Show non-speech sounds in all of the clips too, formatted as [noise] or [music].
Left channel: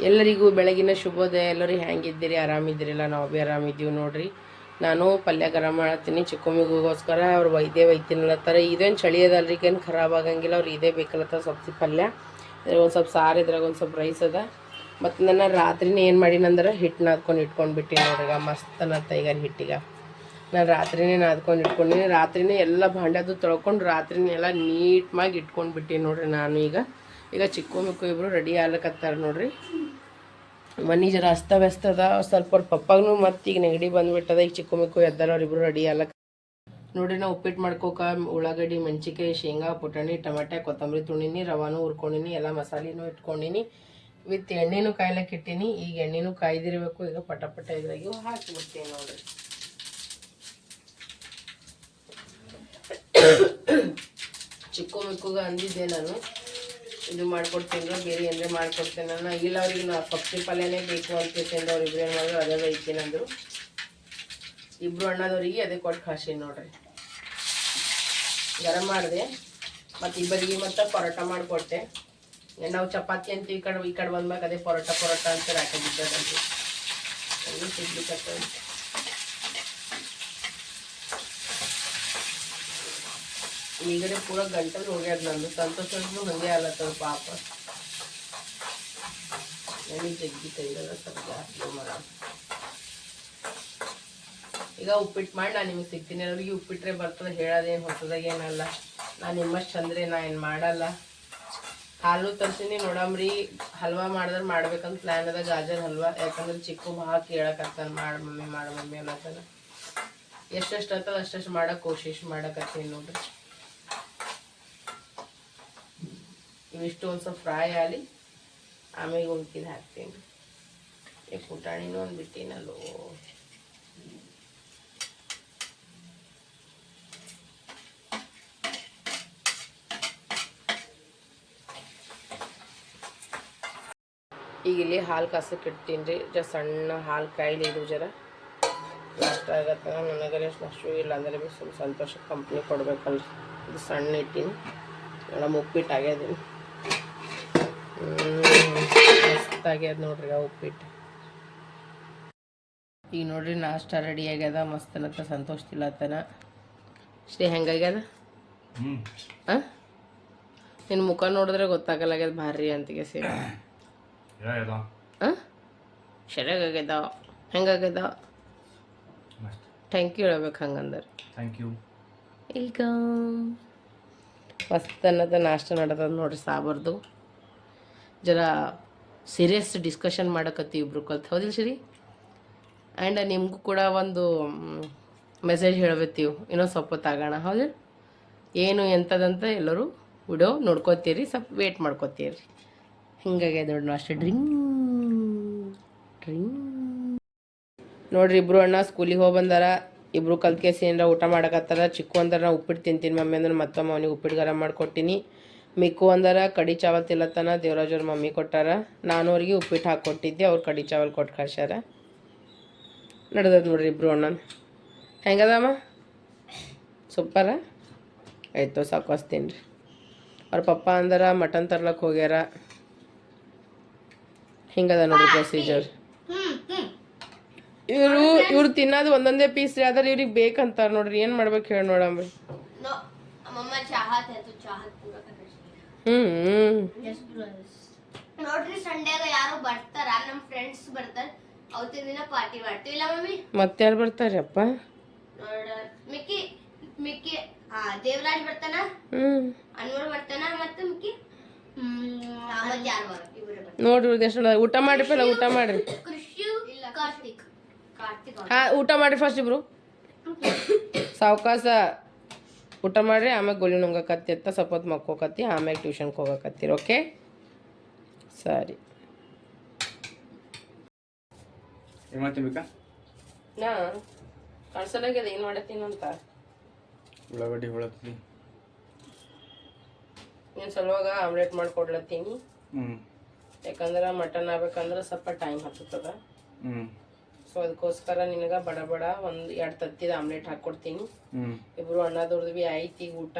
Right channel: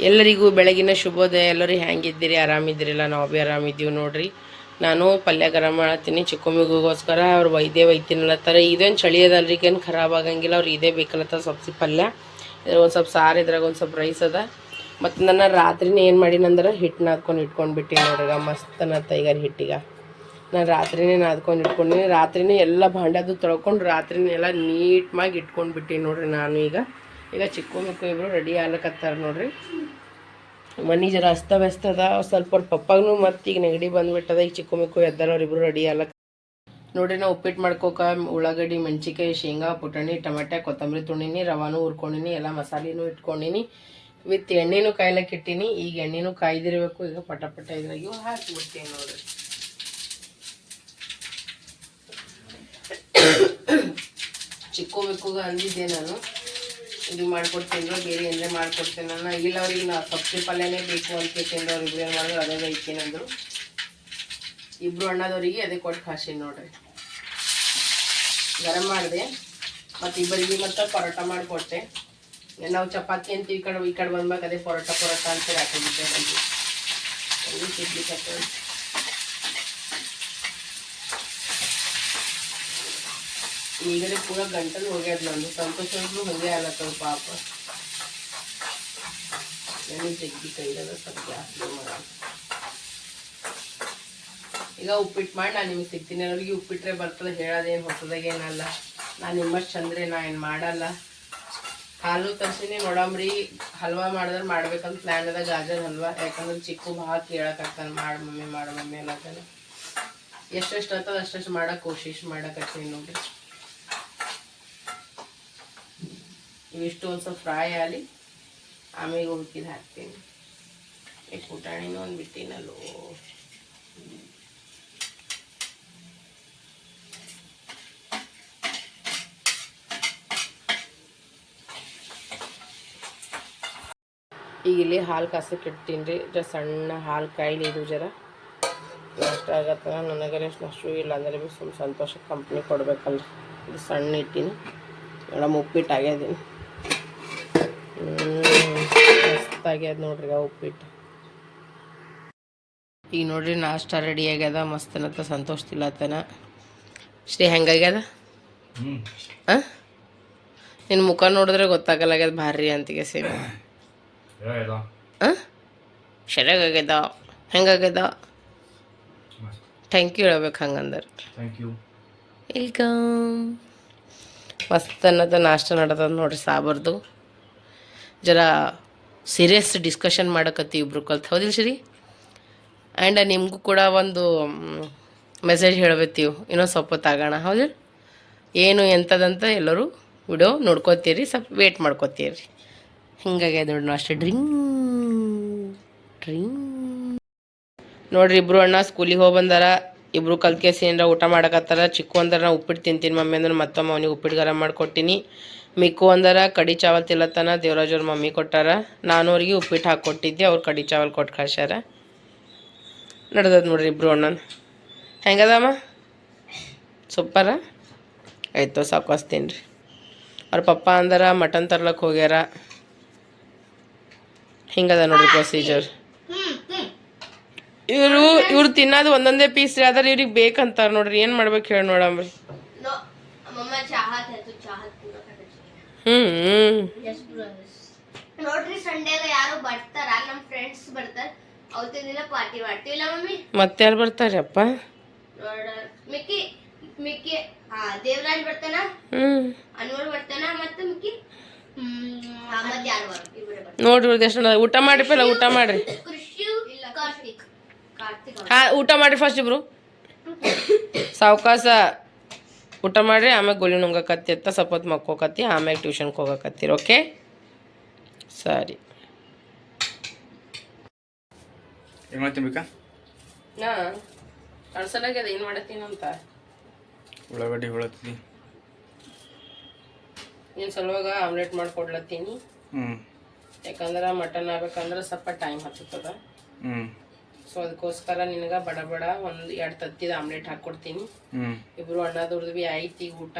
ಎಲ್ಲರಿಗೂ ಬೆಳಗಿನ ಶುಭೋದಯ. ಎಲ್ಲರೂ ಹೆಂಗಿದ್ದೀರಿ? ಆರಾಮಿದ್ದೀರಿಲ್ಲ? ನಾವು ಭೀ ಆರಾಮಿದ್ದೀವಿ ನೋಡ್ರಿ. ನಾನು ಪಲ್ಯ ಗರಂ ಮಾಡತ್ತೀನಿ ಚಿಕ್ಕಮ್ಮಿಗೋಸ್ಕರ ಅವ್ರು ವೈದ್ಯ ಒಯ್ತೀನಲ್ಲತ್ತಾರೆ ಇದೇನು ಚಳಿ ಅದಲ್ರಿ? ಏನು ಖರಾಬ್ ಆಗಂಗಿಲ್ಲ. ಅವ್ರು ಇದೇ ಬೇಕಲ್ಲತ್ತ ಸಬ್ಸಿ ಪಲ್ಯ. ಇದ್ರಾಗ ಒಂದು ಸ್ವಲ್ಪ ಸಾರು, ಇದ್ರಾಗ ಒಂದು ಸ್ವಲ್ಪ ರೈಸ್ ಅದ. ಮತ್ತು ನನ್ನ ರಾತ್ರಿನೇ ಏನು ಮಾಡಿನಂದ್ರೆ ಹಿಟ್ಟು ನಾದ್ಕೊಂಡು ಇಟ್ಕೊಂಡ್ಬಿಟ್ಟು ನೋಡ್ರಿ. ಮಸ್ತ್ ಅನ್ನತ್ತ ಈಗ ಹಿಟ್ಟಿಗೆ. ನಾನು ರಾತ್ರಿನೇ ನಾದ್ಕೊಂಡು ಇಟ್ಕೊಂಡಿನಿ. ರಾತ್ರಿನೇ ಎಲ್ಲ ಭಾಂಡದು ತೊಳ್ಕೊಂಡು ರಾತ್ರಿನೇ ಎಲ್ಲ ನೀಟ್ಮಾಗಿ ಬಿಟ್ಟಿನಿ ನೋಡ್ರಿ ನಾನು ಈಗ. ಈಗ ಚಿಕ್ಕು ಮಿಕ್ಕು ಇಬ್ಬರು ರೆಡಿ ಆಗ್ಲಕತ್ತಾರ ನೋಡ್ರಿ. ಮನೆ ಜರ ಅಸ್ತವ್ಯಸ್ತ ಅದ ಸ್ವಲ್ಪ ಅವ್ರ ಪಪ್ಪಾಗೂ ಮತ್ತೆ ಈಗ ನೆಗಡಿ ಬಂದ್ಬಿಟ್ಟದ, ಈಗ ಚಿಕ್ಕು ಮಿಕ್ಕು ಎದ್ದಾರ ಅವ್ರಿಬ್ರು ರೆಡಿ ಆಗ್ಲಕ್ಕ ನೋಡಿ ನಾವು ಉಪ್ಪಿಟ್ಟು ಮಾಡ್ಕೋಕ ಉಳ್ಳಾಗಡ್ಡಿ ಮೆಣಸಿಕಾಯಿ ಶೇಂಗಾ, ಪುಟಾಣಿ, ಟಮಾಟೆ, ಕೊತ್ತಂಬರಿ ತುಣಿನಿ ರವಾನು ಹುರ್ಕೊಂಡಿನಿ, ಎಲ್ಲ ಮಸಾಲೆನೂ ಇಟ್ಕೊಂಡಿನಿ. ವಿತ್ ಎಣ್ಣೆನೂ ಕಾಯ್ಲಕ್ಕೆ ಇಟ್ಟಿನಿ. ಈಗ ಎಣ್ಣೆನೂ ಕಾಯ್ದಿರಬೇಕು. ಈಗ ಪಟ ಪಟ ಇದ್ರಾಗೂ ಹಾಕಿ ಬಿಡ್ತೀನಿ ನೋಡ್ರಿ. ಚಿಕ್ಕು ಮಿಕ್ಕುಗ ಅಂದಿದ್ದೆ ನಾನು. ಇದು ಮಾಡ್ಕೊಡ್ತೀನಿ ಬೇರೆ ಏನೇ ಮಾಡ್ಕೊಡ್ತೀನಿ ನಾನು ಇಲ್ಲ ಅವ್ರಿಗೆ ನಾ ಸಬ್ಸಿ ಪಲ್ಯನೇ ಬೇಕು ಅಂತ ಕೇಳ್ತೀನಿ ಅವ್ರು ಇಬ್ರು ಏನು ಮಾಡಿದ್ರು, ಅದೇ ಐತೀನಿ ಅಂದರು. ಇಬ್ರು ಅಣ್ಣದವರಿಗೆ ಅದೇ ಕೊಟ್ಟು ಕಾಸಿನಿ ನೋಡ್ರಿ. ಗರಂ ಮಾಡಿದೆ. ಮತ್ತು ಇಬ್ಬರಿಗೆ ಮತ್ತು ಪರೋಟ ಮಾಡಿಕೊಟ್ಟೆ ನಾವು ಚಪಾತಿ ಅಂತ ಈ ಕಡೆ ಈ ಕಡೆ ಬಂದ್ಬೇಕು ಅದೇ ಪರೋಟ ಪರೋಟ ಅಂತ ಹಾಕಿದ್ದೆ ಬಂದು ಸಿಗ್ಲಿಕ್ಕೆ ಈಗಲೇ ಪೂರ ಗಂಟಲು ಹೋಗ್ಯದ ನಂದು. ಸಂತೋಷಗಳು ಹಂಗೆ ಆಗತ್ತವ ಪಾಪ. ನನಗೆ ಜಗ್ಗಿ ಕೈದಾಗ ಸ್ವಲ್ಪ ಜಾಸ್ತಿ ಈಗ ಉಪ್ಪಿಟ್ಟು ಮಾಡಿ ನಾನು ನಿಮ್ಗೆ ಸಿಗ್ತೀನಿ. ಅವ್ರಿಗೆ ಉಪ್ಪಿಟ್ಟರೆ ಬರ್ತದೆ. ಹೇಳೋದೇನು ಹೊಸದಾಗೇನಲ್ಲ ನಾನು ನಿಮ್ಮಷ್ಟು ಚಂದ್ರೆ ನಾ ಏನು ಮಾಡಲ್ಲ. ಹಾಲು ತರ್ಸಿನಿ ನೋಡಮ್ರಿ ಹಲ್ವಾ ಮಾಡಿದ್ರೆ ಮಾಡ್ಬೇಕಂತ ಪ್ಲ್ಯಾನ್ ಅದ. ಗಾಜರ್ ಹಲ್ವಾ. ಯಾಕಂದ್ರೆ ಚಿಕ್ಕು ಭಾಳ ಕೇಳಕ್ಕಾಗ್ತಾನೆ ಮಾಡಿ ಮಮ್ಮಿ, ಮಾಡು ಮಮ್ಮಿ ಅನ್ನತ್ತಾನೆ ಎಷ್ಟೆಷ್ಟು ಆಗ್ತದೆ ಅಷ್ಟೆಷ್ಟು ಮಾಡೋಕೆ, ಕೋಶಿಶ್ ಮಾಡಕತ್ತೀನಿ ನೋಡ್ರಿ. ಇವಿಷ್ಟು ಒಂದು ಸ್ವಲ್ಪ ಫ್ರೈ ಆಗಲಿ ಆಮೇಲೆ ಹುಡುಕಿದ ಹಾಕ್ತೀನಿ. ಈ ಪುಟಾಣಿನೂ ಒಂದು ಬಿಟ್ಟಿನಲ್ಲೋ ಈಗ ಇಲ್ಲಿ ಹಾಲು ಕಾಸಕ್ಕೆ ಇಡ್ತೀನಿ ರೀ. ಜರ ಸಣ್ಣ ಹಾಲು ಕಾಯಿಲೆ ಇದು ಜರ. ನಷ್ಟ ಆಗತ್ತ ನನಗೆ ಅಷ್ಟು ಇಲ್ಲ. ಅಂದರೆ ಸ್ವಲ್ಪ ಸಂತೋಷ ಕಂಪ್ನಿ ಕೊಡ್ಬೇಕಲ್ರಿ. ಇದು ಸಣ್ಣ ಇಟ್ಟೀನಿ ಮೇಡಮ್ ಉಪ್ಪಿಟ್ಟು ಆಗ್ಯದೀನಿ ಮಸ್ತ್ ಆಗ್ಯದ ನೋಡ್ರಿ ಉಪ್ಪಿಟ್ಟು. ಈಗ ನೋಡ್ರಿ ನಾಷ್ಟ ರೆಡಿ ಆಗ್ಯದ ಮಸ್ತ್ ಅನ್ನತ್ತ ಸಂತೋಷ ತಿಲ್ಲತ್ತನ ಶ್ರೀ ಹೆಂಗಾಗ್ಯದ? ಹಾಂ ನಿನ್ನ ಮುಖ ನೋಡಿದ್ರೆ ಗೊತ್ತಾಗಲ್ಲಾಗ್ಯದ ಭಾರಿ ಅಂತಿಗೆ ಸೇರಿ ಆ? ಸರಿಯಾಗ್ಯದ ಹೆಂಗಾಗ್ಯದ? ಥ್ಯಾಂಕ್ ಯು ಹೇಳ್ಬೇಕು ಹಂಗಂದ್ರೆ. ವೆಲ್ಕಮ್ ಮಸ್ತ್ ಅನ್ನೋದು ನಾಷ್ಟ ನಡತದ ನೋಡ್ರಿ ಸಾಬರ್ದು. ಜರ ಸೀರಿಯಸ್ ಡಿಸ್ಕಷನ್ ಮಾಡಕತ್ತಿ ಇಬ್ರು ಕಲ್ತು. ಹೌದಿಲ್ಲ ಸರಿ ಆ್ಯಂಡ್ ನಿಮಗೂ ಕೂಡ ಒಂದು ಮೆಸೇಜ್ ಹೇಳ್ಬೇತೀವಿ ಇನ್ನೊಂದು ಸ್ವಲ್ಪ ಹೊತ್ತಾಗೋಣ ಹೌದಿಲ್ಲ ಏನು ಎಂಥದಂತ ಎಲ್ಲರೂ ವಿಡಿಯೋ ನೋಡ್ಕೋತೀರಿ, ಸ್ವಲ್ಪ ವೇಟ್ ಮಾಡ್ಕೋತೀರಿ. ಹಿಂಗಾಗಿ ನೋಡೋಣ ಅಷ್ಟೇ. ಡ್ರಿಂಗ್ ಡ್ರಿಂಗ್. ನೋಡ್ರಿ ಇಬ್ಬರು ಅಣ್ಣ ಸ್ಕೂಲಿಗೆ ಹೋಗಿ ಬಂದಾರ. ಇಬ್ಬರು ಕಲ್ತ್ಕೇಸಿ ಏನಾರ ಊಟ ಮಾಡಕತ್ತಾರ. ಚಿಕ್ಕು ಅಂದ್ರೆ ನಾ ಉಪ್ಪಿಟ್ಟು ತಿಂತೀನಿ ಮಮ್ಮಿ ಅಂದ್ರೆ ಮತ್ತೊಮ್ಮೆ ಅವನಿಗೆ ಉಪ್ಪಿಟ್ಟು ಗರಂ ಮಾಡ್ಕೊಟ್ಟಿನಿ. ಮಿಕ್ಕು ಅಂದರ, ಕಡಿ ಚಾವಲ್ ತಿಲ್ಲತ್ತನ ದೇವರಾಜವ್ರ ಮಮ್ಮಿ ಕೊಟ್ಟಾರ. ನಾನು ಅವ್ರಿಗೆ ಉಪ್ಪಿಟ್ಟು ಹಾಕ್ಕೊಟ್ಟಿದ್ದೆ ಅವ್ರು ಕಡಿ ಚಾವಲ್ ಕೊಟ್ಟು ಕಳ್ಸ್ಯಾರ. ನಡ್ದದ ನೋಡ್ರಿ ಇಬ್ರು ಅಣ್ಣನ. ಹೆಂಗದಮ್ಮ? ಸೂಪರ? ಆಯ್ತು ಸಾಕೋಸ್ತೀನಿ ರೀ. ಅವ್ರ ಪಪ್ಪ ಅಂದಾರ, ಮಟನ್ ತರ್ಲಕ್ಕೆ ಹೋಗ್ಯಾರ. ಹಿಂಗದ ನೋಡ್ರಿ ಪ್ರೊಸೀಜರ್ ಇವರು, ಇವ್ರು ತಿನ್ನೋದು ಒಂದೊಂದೇ ಪೀಸ್ ರೀ ಆದ್ರೆ ಇವ್ರಿಗೆ ಬೇಕಂತಾರ ನೋಡ್ರಿ, ಏನು ಮಾಡ್ಬೇಕು ಹೇಳಿ ನೋಡಮ್ರಿ ನೋಡ್ರಿ ಸಂಡೇಗ ಯಾರು ಬರ್ತಾರ ನಮ್ಮ ಫ್ರೆಂಡ್ಸ್ ಬರ್ತಾರ ಅವತ್ತಿನ ದಿನ ಪಾರ್ಟಿ ಮಾಡ್ತೀವಿಲ್ಲ ಮಮ್ಮಿ ಮತ್ತೆ ಯಾರು ಬರ್ತಾರೆ ಅಪ್ಪ ನೋಡ ಮಿಕ್ಕಿ ಮಿಕ್ಕಿ ಹಾ ದೇವರಾಜ್ ಬರ್ತಾನ ಹ್ಞೂ ಅನ್ವರ್ ಬರ್ತಾನ ಮತ್ತೆ ಮಿಕ್ಕಿ ಮತ್ತೆ ಯಾರು ಬರ್ ಇಬ್ಬರೇ ಬರ್ತಾರ ನೋಡ್ರಿ ಇವ್ರದ್ದು ಎಷ್ಟು ಊಟ ಮಾಡ್ರಿ ಪಲ್ಲ ಊಟ ಮಾಡ್ರಿ ಕೃಷಿ ಇಲ್ಲ ಕಾರ್ತಿಕ್ ಕಾರ್ತಿಕ್ ಹಾ ಊಟ ಮಾಡ್ರಿ ಫಸ್ಟ್ ಇಬ್ರು ಸಾವಕಾಶ ಊಟ ಮಾಡಿರಿ ಆಮೇಲೆ ಗೋಲಿ ನುಂಗಕತ್ತಿ ಅಂತ ಸ್ವಲ್ಪ ಹೊತ್ತು ಮಕ್ಕೋಕತ್ತಿ ಆಮೇಲೆ ಟ್ಯೂಷನ್ಗೆ ಹೋಗಕತ್ತೀರಿ ಓಕೆ? ಸರಿ. ಏನು ಮಾಡ್ತೀನಿ ಬೇಕಾ ನಾ ಕಳ್ಸಲಾಗ್ಯದ ಏನು ಮಾಡತ್ತೀನಿ ಅಂತ? ಉಳ್ಳಾಗಡ್ಡಿ ಹೊಳತ್ತಿ. ನೀನು ಸಲುವಾಗ ಆಮ್ಲೆಟ್ ಮಾಡ್ಕೊಡ್ಲತ್ತೀನಿ. ಹ್ಞೂ ಯಾಕಂದ್ರೆ ಮಟನ್ ಆಗ್ಬೇಕಂದ್ರೆ ಸ್ವಲ್ಪ ಟೈಮ್ ಹತ್ತದ ಹ್ಞೂ ಸೊ ಅದಕ್ಕೋಸ್ಕರ ನಿನಗೆ ಬಡ ಬಡ ಒಂದು ಎರಡು ತತ್ತಿದ ಆಮ್ಲೆಟ್ ಹಾಕ್ಕೊಡ್ತೀನಿ ಹ್ಞೂ ಇಬ್ರು ಅಣ್ಣದವ್ರದ್ದು ಭೀ ಐತಿ ಈಗ ಊಟ.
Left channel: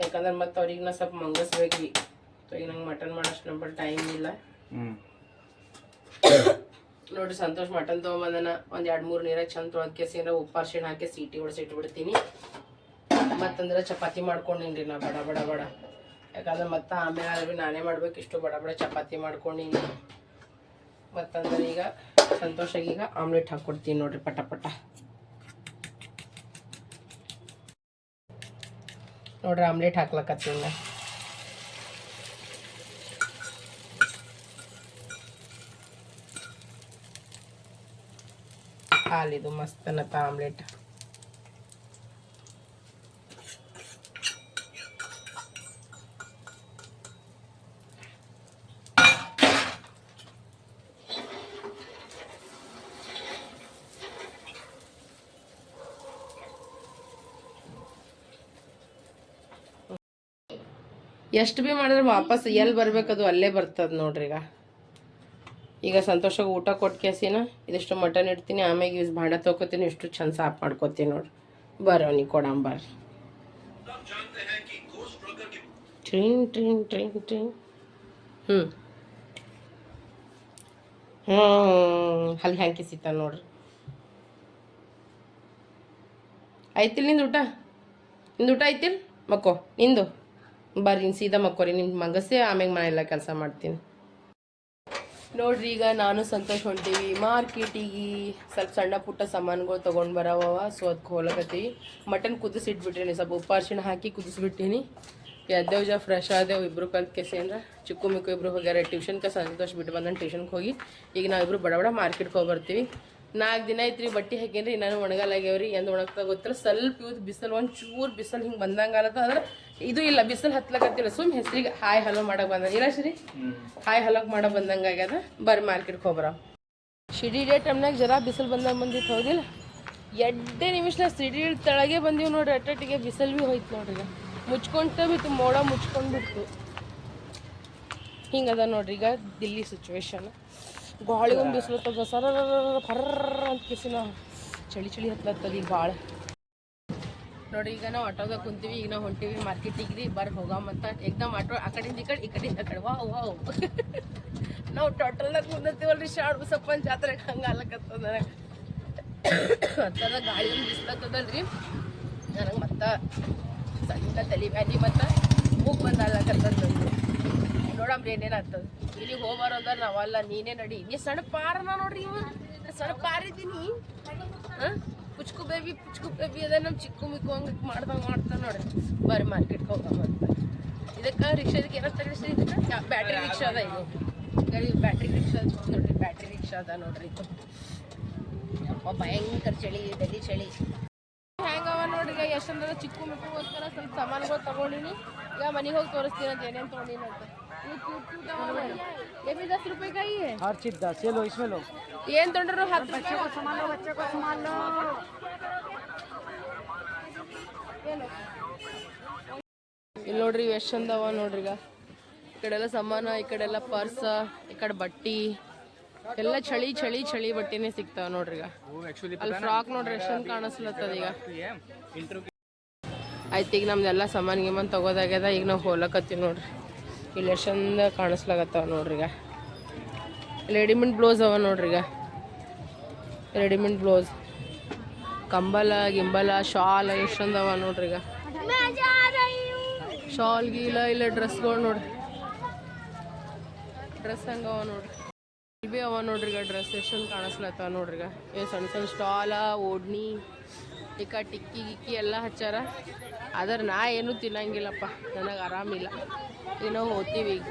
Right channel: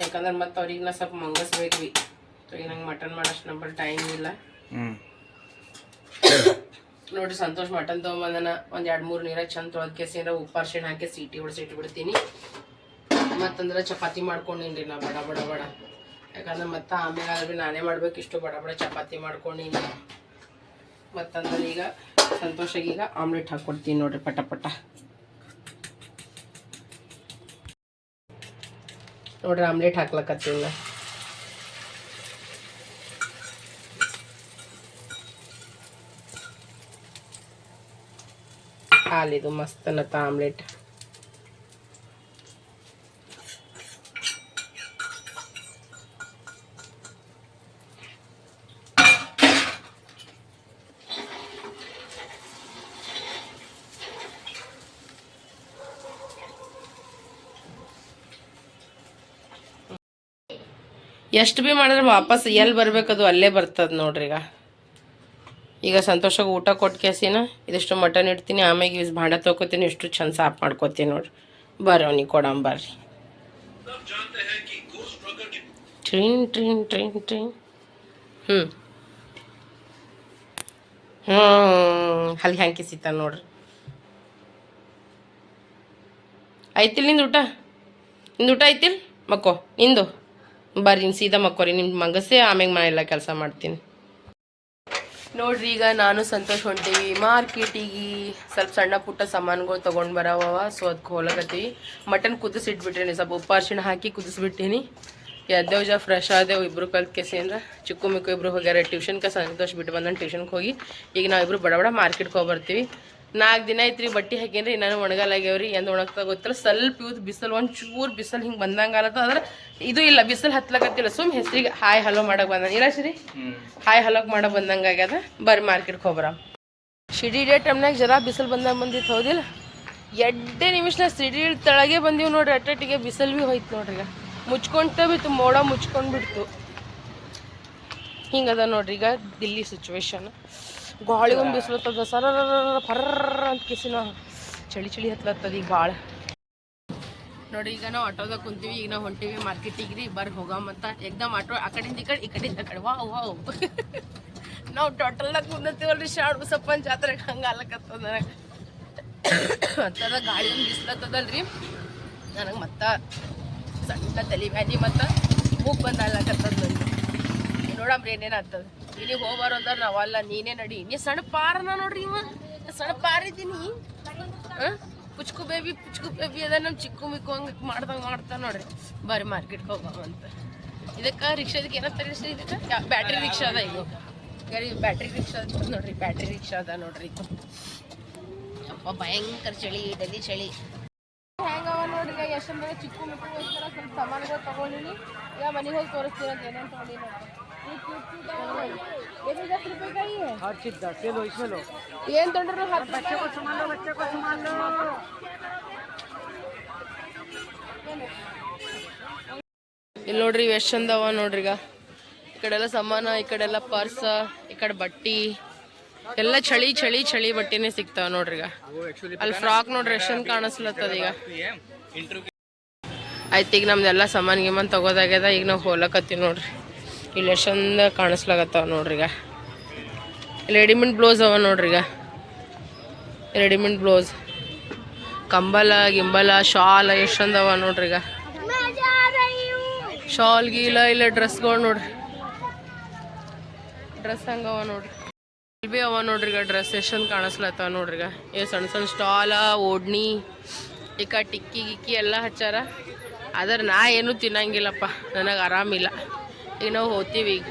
ಯಾಕಂದ್ರ ಮತ್ತೆ ಅವ್ರಿಗೆ ನಾ ಸ್ವಲ್ಪ ಮಂಗಸ್ಬೇಕು ಭೀ ಸೊ ಈಗ ನಂಗೆ ಮಟನ್ ಮಾಡೋಷ್ಟು ನಂಬರ್ ಟೈಮ್ ಇಲ್ಲ. ನೋಡ್ರಿ ಸಂತೋಷ್ ಮಟನ್ ತೊಗೊಂಬಂದನ. ಒಂದು ಎರಡು ಮೂರು ನೀರಾಗ ಚಂದ ಏನಾರ ಉಪ್ಪು ಅರ್ಶಿಣ ಹಾಕಿ ಸೀಟಿ ಹೊಡೆಸಿ ಇಟ್ಬಿಡ್ತೀನಿ ಮತ್ತಂದ್ರೆ ಚಪಾತಿ ಮಾಡ್ಕೊಂಡಿನ್ರಿ ನಾ ಬಡ ಬಡ ಬಡ. ಯಾಕಂದ್ರೆ ಮತ್ತೆ ಆಮೇಲೆ ಆದ್ರೆ ನಾನೇ ಮಾಡ್ಬೇಕು ಇಷ್ಟು ಬಡ ಬಡ ಚಪಾತಿ ಮಾಡ್ಕೊಂಡಿನಿ. ಮತ್ತಂದ್ರೆ ಈಗ ಸಂತೋಷಾಗಿ ಈಗ ಆಮ್ಲೆಟ್ ಹಾಕ್ಕೊಡ್ತೀನಿ ನೋಡ್ರಿ ಪಟ ಪಟ. ನೋಡ್ರಿ ಆಮ್ಲೆಟ್ ಹಾಕ್ಲಕತ್ತೀನಿ ನಾ. ಹಾಲಿದು ಮಸ್ತ್ ಅನ್ನತ್ತ ಆಮ್ಲೆಟ್. ಎಷ್ಟು ಭೀ ಮಾಡಿದ್ರೆ ವಾಪಸ್ ಎಲ್ಲಿ ಬರಬೇಕದು ಅಲ್ಲೇ ಬರ್ತದೆ ನೋಡ್ರಿ ಈಗ. ಈಗ ಸಂತೋಷಕ್ಕೆ ಊಟ ಕೊಟ್ಟು ಕೇಸಿನ ಇದಿಷ್ಟು ಮಟನ್ ಇಡ್ತೀನಿ ಆಮೇಲೆ ಇಸ್ ಭಾಂಡ ತೊಗೋತೀನಿ ಇಷ್ಟು ಚಂದ ಸಾಫ್ ಮಾಡ್ಕೋತೀನಿ ನೋಡ್ರಿ. ಬರೋ ಅವ್ನಿಗೆ ಕೊಡಂ ಬರ್ರಿ. ಟ್ರೀನ್ ಟ್ರೀನ್ ಟ್ರೀನ್ ಟ್ರೀನ್. ಹ್ಞೂ ಹ್ಞೂ ಅಲ್ಲಿ ಹ್ಯಾಂಕಿ ಸಿತ ನೋಡ್ರಿ. ಐತಿಲ್ ನಿಂದು ಊಟ? ನಿಂದು ಊಟ ಐತಿಲ್ ಮಕ್ಕೋ, ನಿಂದು? ಬರ್ರಿ ಸೀದಾ ಮಕ್ಕೋರಿ ನಿಮ್ಮ ಮಗಸೇ ಆಮ್ಯಾಗ ಮನೆಯೆಲ್ಲ ಕೆಲಸ ಮಾಡ್ತೀನಿ. ನೋಡ್ರಿ, ಈಗ ನಾನು ಸಂತೋಷ್ ಹೊಂಟೀವಿ. ಮಾರ್ಕೆಟಿಗೆ ಸ್ವಲ್ಪ ಸಣ್ಣ ಪುಟ್ಟ ಸಾಮಾನುಗಳು ತೊಗೊಂಡು ಬರವ ಸೊ ಅದಕ್ಕೆ ಹೋಲಕತ್ತೀವಿ. ಮಟನ್ ಕುದಿಸಿಟ್ಬಿಟ್rini ಸ್ವಲ್ಪ ಉಪ್ಪು ಅರ್ಶಿಣ ಹಾಕಿ ಕುದಿಸ್ಬಿಟ್ಟಿನಿ. ಎದ್ದೇವ್ ಜಾ ಫ್ರೆಶ್ ಆದೇವು ಕಲ್ತು ಕಲ್ತ್ ಕೆಸಿಂದ್ರ ಚಿಕ್ಕು ಮಿಕ್ಕು ಇಬ್ಬರು ಹೋಗ್ಯಾರ ಟ್ಯೂಷನ್ಗೆ ಸಂತೋಷ್ ಬಿಟ್ಟು ಬಂದನ್ ಟ್ಯೂಷನ್ಗೆ ಹೋಗಿ. ಈಗ ನಾವಿಬ್ಬರು ಬಡ ಬಡ ಮಾರ್ಕೆಟ್ಗೆ ಹೋಗಿ ಬರ್ತೀವಿ ನಾಲ್ಕು ದಿನ ಐತ್ರಿ ಬಟ್ಟೆ ಹಾಕೇನ್ರಿ ನಾನು ಒಣಗಲಾಗ್ಯಾವ್ರಿ ಎಂದು ಒಣಗ್ತಾ ಗೊತ್ತಿಲ್ಲ. ಸ್ವಲ್ಪ ಇವತ್ತು ಬಿಸಿಲು ಒಂದು ಚೂರು ಬಿಸಿಲು ಹಿಂಗೆ ಬಂದಂಗೆ ಆಲತ್ತ ಆದ್ರೆ ಇದು ಇಲ್ಲ ಬಿಸಿಲು ಹತ್ಲಕತ್ತಿಲ್ಲ. ಸುಮ್ ಹೆಸ್ರಿಗೆ ಹಾಯ್ ಹಲೋ ಮಾಡಕ್ಕೆ ಬಂದ. ಇಲ್ಲ ಶ್ರೀ? ಹಾಯ್ ಹಲೋಕ್ ಮಾಡಕ್ ಬಂದಂಗೆ ಆಗ್ಯದ. ಬರ್ರಿ ಮಾರ್ಕೆಟ್ಗೆ ಹೋಗ್ರ ಸಿಡಿ ಡೇ ಟೈಮ್ನಾಗ ಜರ ಬಿಸಿಲು ಬಂದಾಗ ಬಂದಿತ್ತು ಹೌದಿಲ್ಲ? ಎಡ್ಡೆ ನಿಮಿಷನ ಸಿಡಿ ತಳಗೆ ಬಂದಿವಿ ನೋಡ್ರಿ ಅಟ್ಟಟ್ಟಿಗೆ ಬಿಸಿಲು ಭೀ ಹೋಯ್ತು ನೋಡ್ರಿ ಈಗ. ಮುಚ್ಕೊಂತ ಬಿತ್ತು ಮೋಡ ಮುಚ್ಕೊಂಡು ಬಿಡ್ತು. ಹಿಂಗದ ನೋಡ್ರಿ ಈಗ ದಿಲ್ಲಿ ಸಿಚುವೇಶನ್ ಗಾಳಿ ಒಂದು ಬಿಸಿಲತ್ತದ. ಸರ ಫರ್ರ ಅಂತ ಕಿಸಿನ ಚಳಿ ಚಳಿ ಹತ್ಲತ್ತದ ಈಗ ಭಾಳ ನೋಡ್ರಿ ಈಗ ನಾವು ಆಟೋದಾಗ ಕುಂತೀವಿ ಈಗ ನಾವು ಹೊಂಟಿವಿ ಮಾರ್ಕೆಟಿಗೆ ರೀ ಬರ್ರಿ ಹೋಗಮಂತ ಏಕ್ದಮ್ ಆಟೋ ಆ ಕಡೆಯಿಂದ ಈ ಕಡೆ ಈ ಕಡೆಯಿಂದ ಆ ಕಡೆ. Wow wow. [laughs] ನಾವು ಟೋಟಲ್ದಾಗ ಕುಂದತ್ತೀವಲ್ರಿ ಶಾಡ್ ಬಸಪ್ಪನ ಜಾತ್ರೆಗೆ ಹಂಗೆ ಅಲ್ಲಕತ್ತದ ನನಗೆ. ಅಂತದ ಗಾಳಿ ಒಂದು ಬಿಸ್ಲತ್ತದಲ್ರಿ. ನನಗೆ ಮತ್ತೆ ಸಣ್ಣ ತಲೆ ಬ್ಯಾನಿ ಮತ್ತು ಮೂಗ್ ಬಂದು ಅಲ್ಲಕತ್ತದ ನಂದು. ನೋಡಮ್ರಿ ಏನೇನು ಆಗ್ತದ ಇಲ್ಲಿ ಹೋಗ್ಬಾರ ಅಂದ್ರೆ ನಾವಲ್ಲ ನೀನೇ ನಡಿ. ನೀ ಸಣ್ಣ ಪಾರನ ನೋಡ್ರಿ ಇವ. ಸಣ್ಣ ಪಾರಿದ್ದೀನಿ ಹಾಂ? ಪುಚ್ಕು ಬೇಬಿ ಪುಚ್ಕು ಬೇಬಿ ಅದ ನಮ್ಮ ಚಿಕ್ಕು ಮಿಕ್ಕು ಹಂಗೆ ಮಾಡ್ದಂಗೆ ಮಾಡ್ತಾ ನೋಡ್ರಿ. ಬರ್ರಿ ಮಾರ್ಕೆಟ್ಗೆ ಹೋಗಮ್ಮಂತ ಇದಕ್ಕೆ ರಿಕ್ಷಾದಕ್ಕೆ ಏನಂತಾರೆ ಇದಕ್ಕೆ? ಬ್ಯಾಟ್ರಿ ರಿಕ್ಷಾ ಅದ ಇದು. ಬ್ಯಾಟ್ರಿ ರಿಕ್ಷಾ ನೋಡ್ರಿ ಬ್ಯಾಟ್ರಿ ರಿಕ್ಷಾ ಅದ ನೋಡ್ರಿ ಇದು. ಅಪ್ಪ ಭಯಂಕರ ಚಳಿ, ಡೆಲ್ಲಿ ಚಳಿ. ಹೆಂಗವ ನೋಡ್ರಿ, ಈಗ ಎಷ್ಟಂದ್ರೆ ಚಿಕ್ಕು ಮಿಕ್ಕುಗೋಸ್ಕರ ಸ್ವಲ್ಪ ಸಾಮಾನುಗಳು ತಗೊಂಡಿನಿ. ಈಗ ಮನೆಗೆ ಹೋಗಿ ತೋರಿಸ್ತೀನಿ ಅಂತ ಏನೇನು ತಗೊಂಡಿನಿ ಅಂತ. ये क्यूट क्यूट है ये भी दस रुपए का ही है ಹರ್ ಚೀಸ್ ದಸ್ लो इसमें लो ಏನ್ ತೊಗೊಂಡ್ರು ಹತ್ತು ರೂಪಾಯಿ बच्चे को सामान लो ಏನು ಇಲ್ಲಿ ನೋಡ್ರಿ ಇವ್ ಎಷ್ಟ್ ಚಂದ ಅವ ನೋಡ್ರಿ ಈಗ ಈ ಕಡೆ ಎಲ್ಲ ಸಾಮಾನ ಈ ಕಡೆ ಎಲ್ಲ ಪರ್ಸ ಈ ಕಡೆ ಬಟ್ಟಿ ಎಲ್ಲ ಚಳಿ ಚಳಿ ಚಳಿ ಬಟ್ಟಿನೇ ಸಿಗ್ತಾವ ನೋಡ್ರಿ ಈಗ वो एक्चुअली ಅಲ್ಲಿ ಫ್ರಾಕ್ ನೋಡ್ರಿ ಎಷ್ಟ್ ಚಂದ ಕಾಣಿಸ್ಲತ್ತದ ಈಗ ये इंटरव्यू ಆಯ್ತು ಈಗ ನಮ್ದೆಲ್ಲ ಸಾಮಾನ್ ಗಿಮಾನ್ ತಗೋದಾಗ್ಯದ ಈಗ ನಾವು ಹೋಲಕತ್ತೀವಿ ನೋಡ್ರಿ ಇಲ್ಲಿ ಚಂದ ಕಾಣಿಸ್ಲಾಗತ್ತಾವ ನೋಡ್ರಿ ಈಗ. ರೆಡಿಮೇಡ್ ಬ್ಲೌಸ್ ಅವ ನೋಡ್ರಿ ಈಗ. ರೆಡಿಮೇಡ್ ಬ್ಲೌಸ್ ಕಂಬಲ, ಗಿಂಬಲ, ಶಾಲ್ ಎಷ್ಟು ಚಂದ ಅವ ನೋಡ್ರಿ ಈಗ. ಶಾಲ್, ಗೀಲ, ಇಲ್ಲ ಡ್ರೆಸ್ಗಳು ನೋಡ್ರಿ. ಡ್ರೆಸ್ ಹಂಗವ ನೋಡ್ರಿ. ಇಲ್ಲಿ ಅವ ನೋಡ್ರಿ ಈಗ ಡ್ರೆಸ್ ಚಂದ ಕಾಣಿಸ್ಲತ್ತಾವ ನೋಡ್ರಿ ಈಗ. ಏ ಸಣ್ಣ ಸಣ್ಣ ಸ್ಟಾಲ ಓಡ್ನಿ ಈಗ ಟಿಕ್ಕಿ, ಗಿಕ್ಕಿ ಎಲ್ಲ ಹಚ್ಚಾರ. ಆದ್ರೆ ನಾ ಏನು ತಿನ್ನಂಗಿಲ್ಲಪ್ಪ. ನನಗೆ ಆರಾಮಿಲ್ಲ. ಈಗ ನಾವು ಈಗ